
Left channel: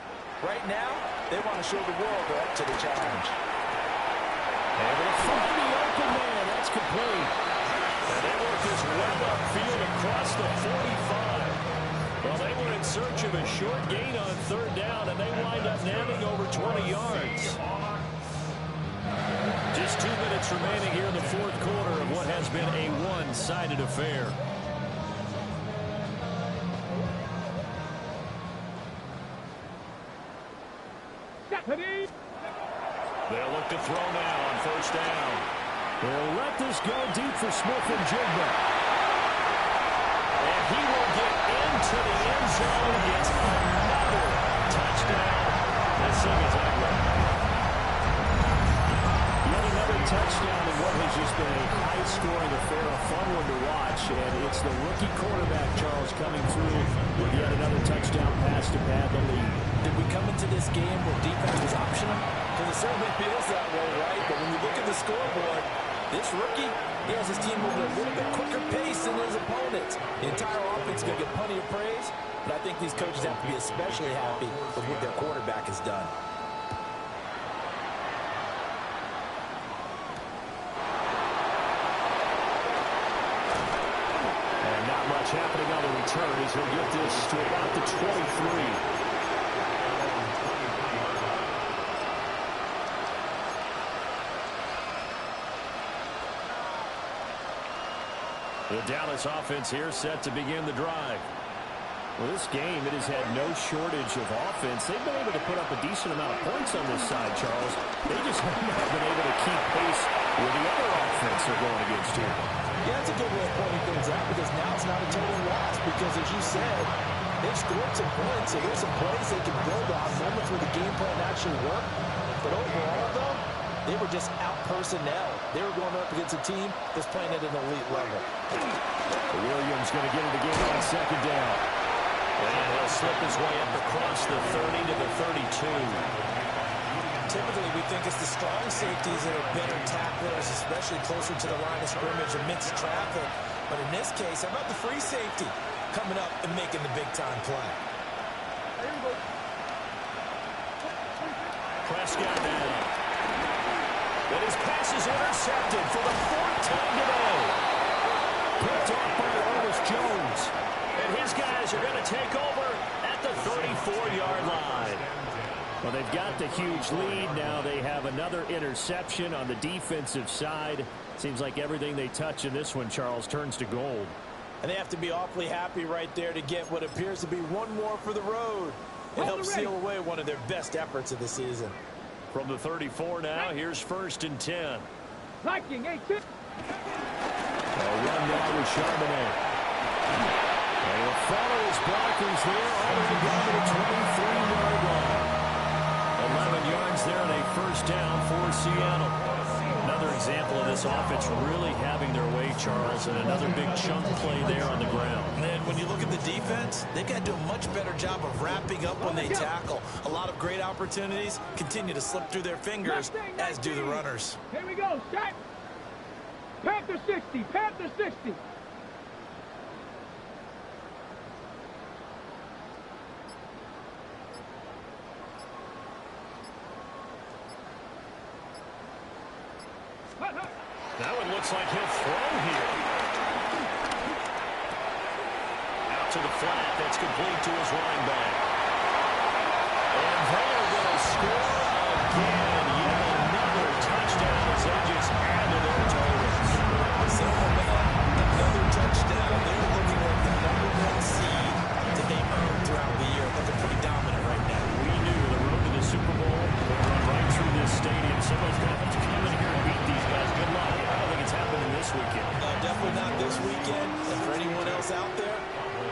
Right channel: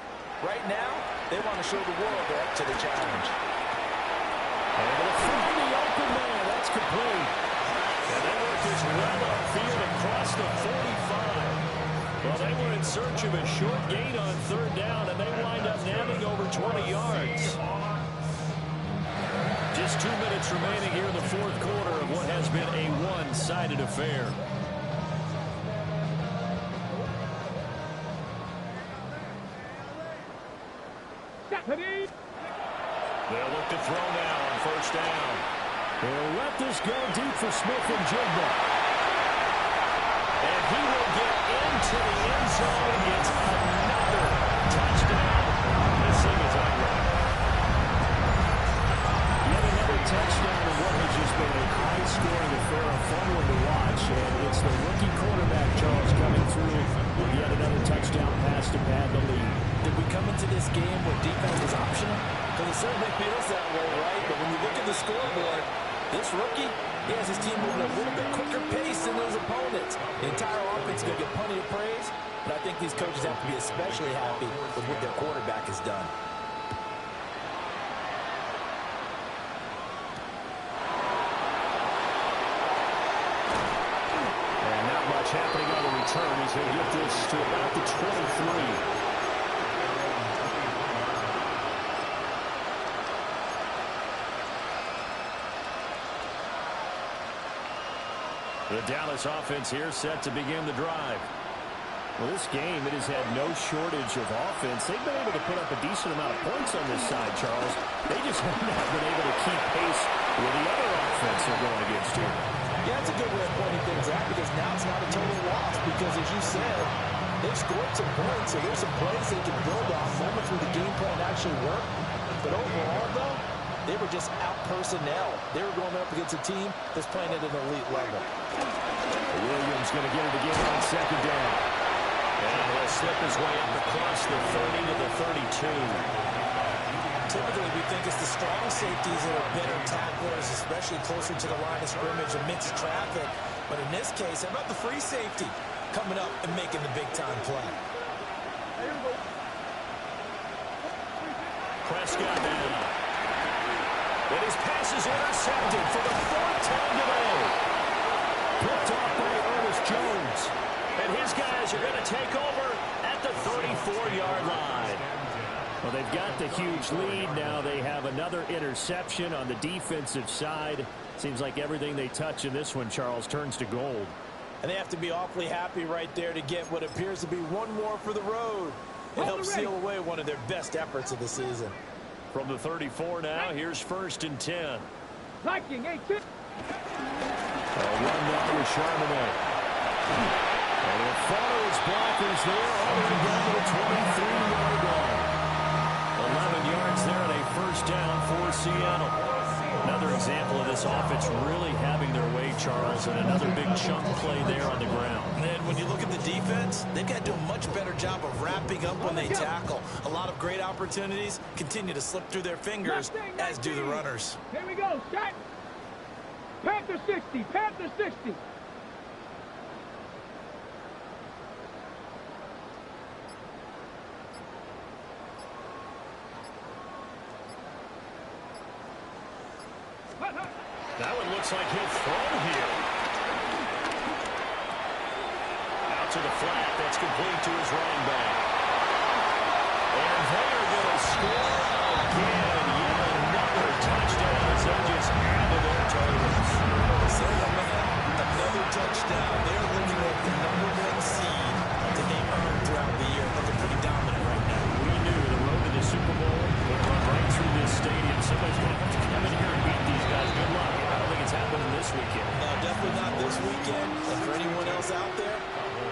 Right now, they want to show the world they're up to the challenge. Able to find the open man. That's complete. And they work this well upfield across the 45. Well, they were in search of a short gain on 3rd down, and they wind up nabbing over 20 yards. Just 2 minutes remaining here in the 4th quarter of what has been a one-sided affair. They'll look to throw now on 1st down. They'll let this go deep for Smith and Jigba. And he will get into the end zone. It's another touchdown. This thing is ugly. Yet another touchdown in what has just been a high-scoring affair, a fun one to watch. And it's the rookie quarterback, Charles, coming through with yet another touchdown pass to pad the lead. Did we come into this game where defense was optional? Because it certainly feels that way, right? But when you look at the scoreboard, this rookie, he has his team moving at a little bit quicker pace than his opponents. The entire offense is going to get plenty of praise, but I think these coaches have to be especially happy with what their quarterback has done. And not much happening on the return as he'll get this to about the 23. The Dallas offense here set to begin the drive. Well, this game, it has had no shortage of offense. They've been able to put up a decent amount of points on this side, Charles. They just have not been able to keep pace with the other offense they're going against here. Yeah, that's a good way of pointing things out because now it's not a total loss because, as you said, they've scored some points, so there's some plays they can build on, moments where the game plan actually worked. But overall, though, they were just out-personnel. They were going up against a team that's playing at an elite level. Williams going to get it again on 2nd down. And he'll slip his way up across the 30 to the 32. Typically, we think it's the strong safeties that are better tacklers, especially closer to the line of scrimmage amidst traffic. But in this case, how about the free safety coming up and making the big-time play? Prescott now. And his pass is intercepted for the 4th time today. Picked off by Ernest Jones. And his guys are going to take over at the 34-yard line. Well, they've got the huge lead. Now they have another interception on the defensive side. Seems like everything they touch in this one, Charles, turns to gold. And they have to be awfully happy right there to get what appears to be one more for the road. It helps seal away one of their best efforts of the season. From the 34 now, here's 1st and 10. Liking 18. A run now with Charbonnet. And he'll follow his blockers there all the way down to the 23-yard line. 11 yards there on a 1st down for Seattle. Another example of this offense really having their way, Charles, and another big chunk play there on the ground. And when you look at the defense, they've got to do a much better job of wrapping up when they tackle. A lot of great opportunities continue to slip through their fingers, as do the runners. Here we go, set. Panther 60, Panther 60. That one looks like he'll throw here. Out to the flat. That's complete to his running back. And they are going to score again. Yet another this weekend. And for anyone else out there,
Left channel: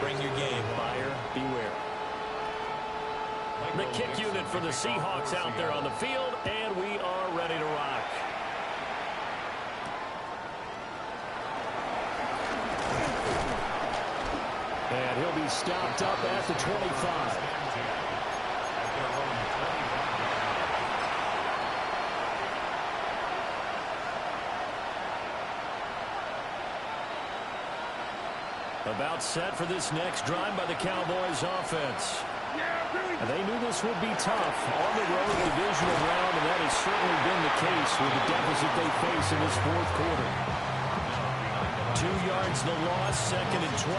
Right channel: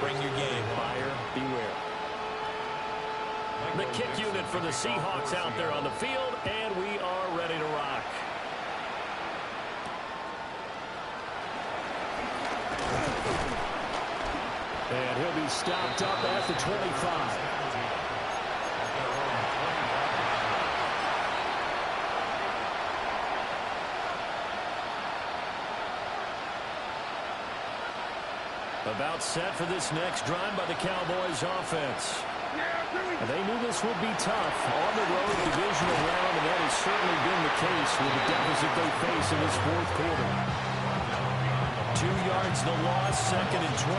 bring your game. Buyer beware. The kick unit for the Seahawks out there on the field, and we are ready to rock. And he'll be stopped up at the 25. About set for this next drive by the Cowboys offense. And they knew this would be tough on the road divisional round, and that has certainly been the case with the deficit they face in this fourth quarter. 2 yards the loss, 2nd and 12.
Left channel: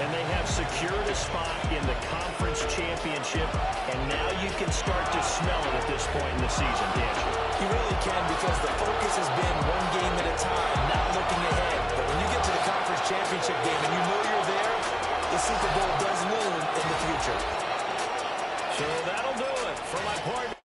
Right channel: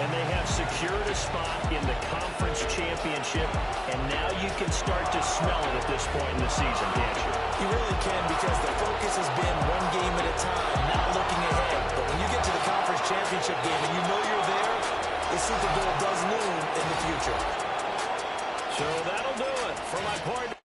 And they have secured a spot in the conference championship, and now you can start to smell it at this point in the season, can't you? You really can, because the focus has been one game at a time, not looking ahead. But when you get to the conference championship game and you know you're there, the Super Bowl does loom in the future. So that'll do it for my partner.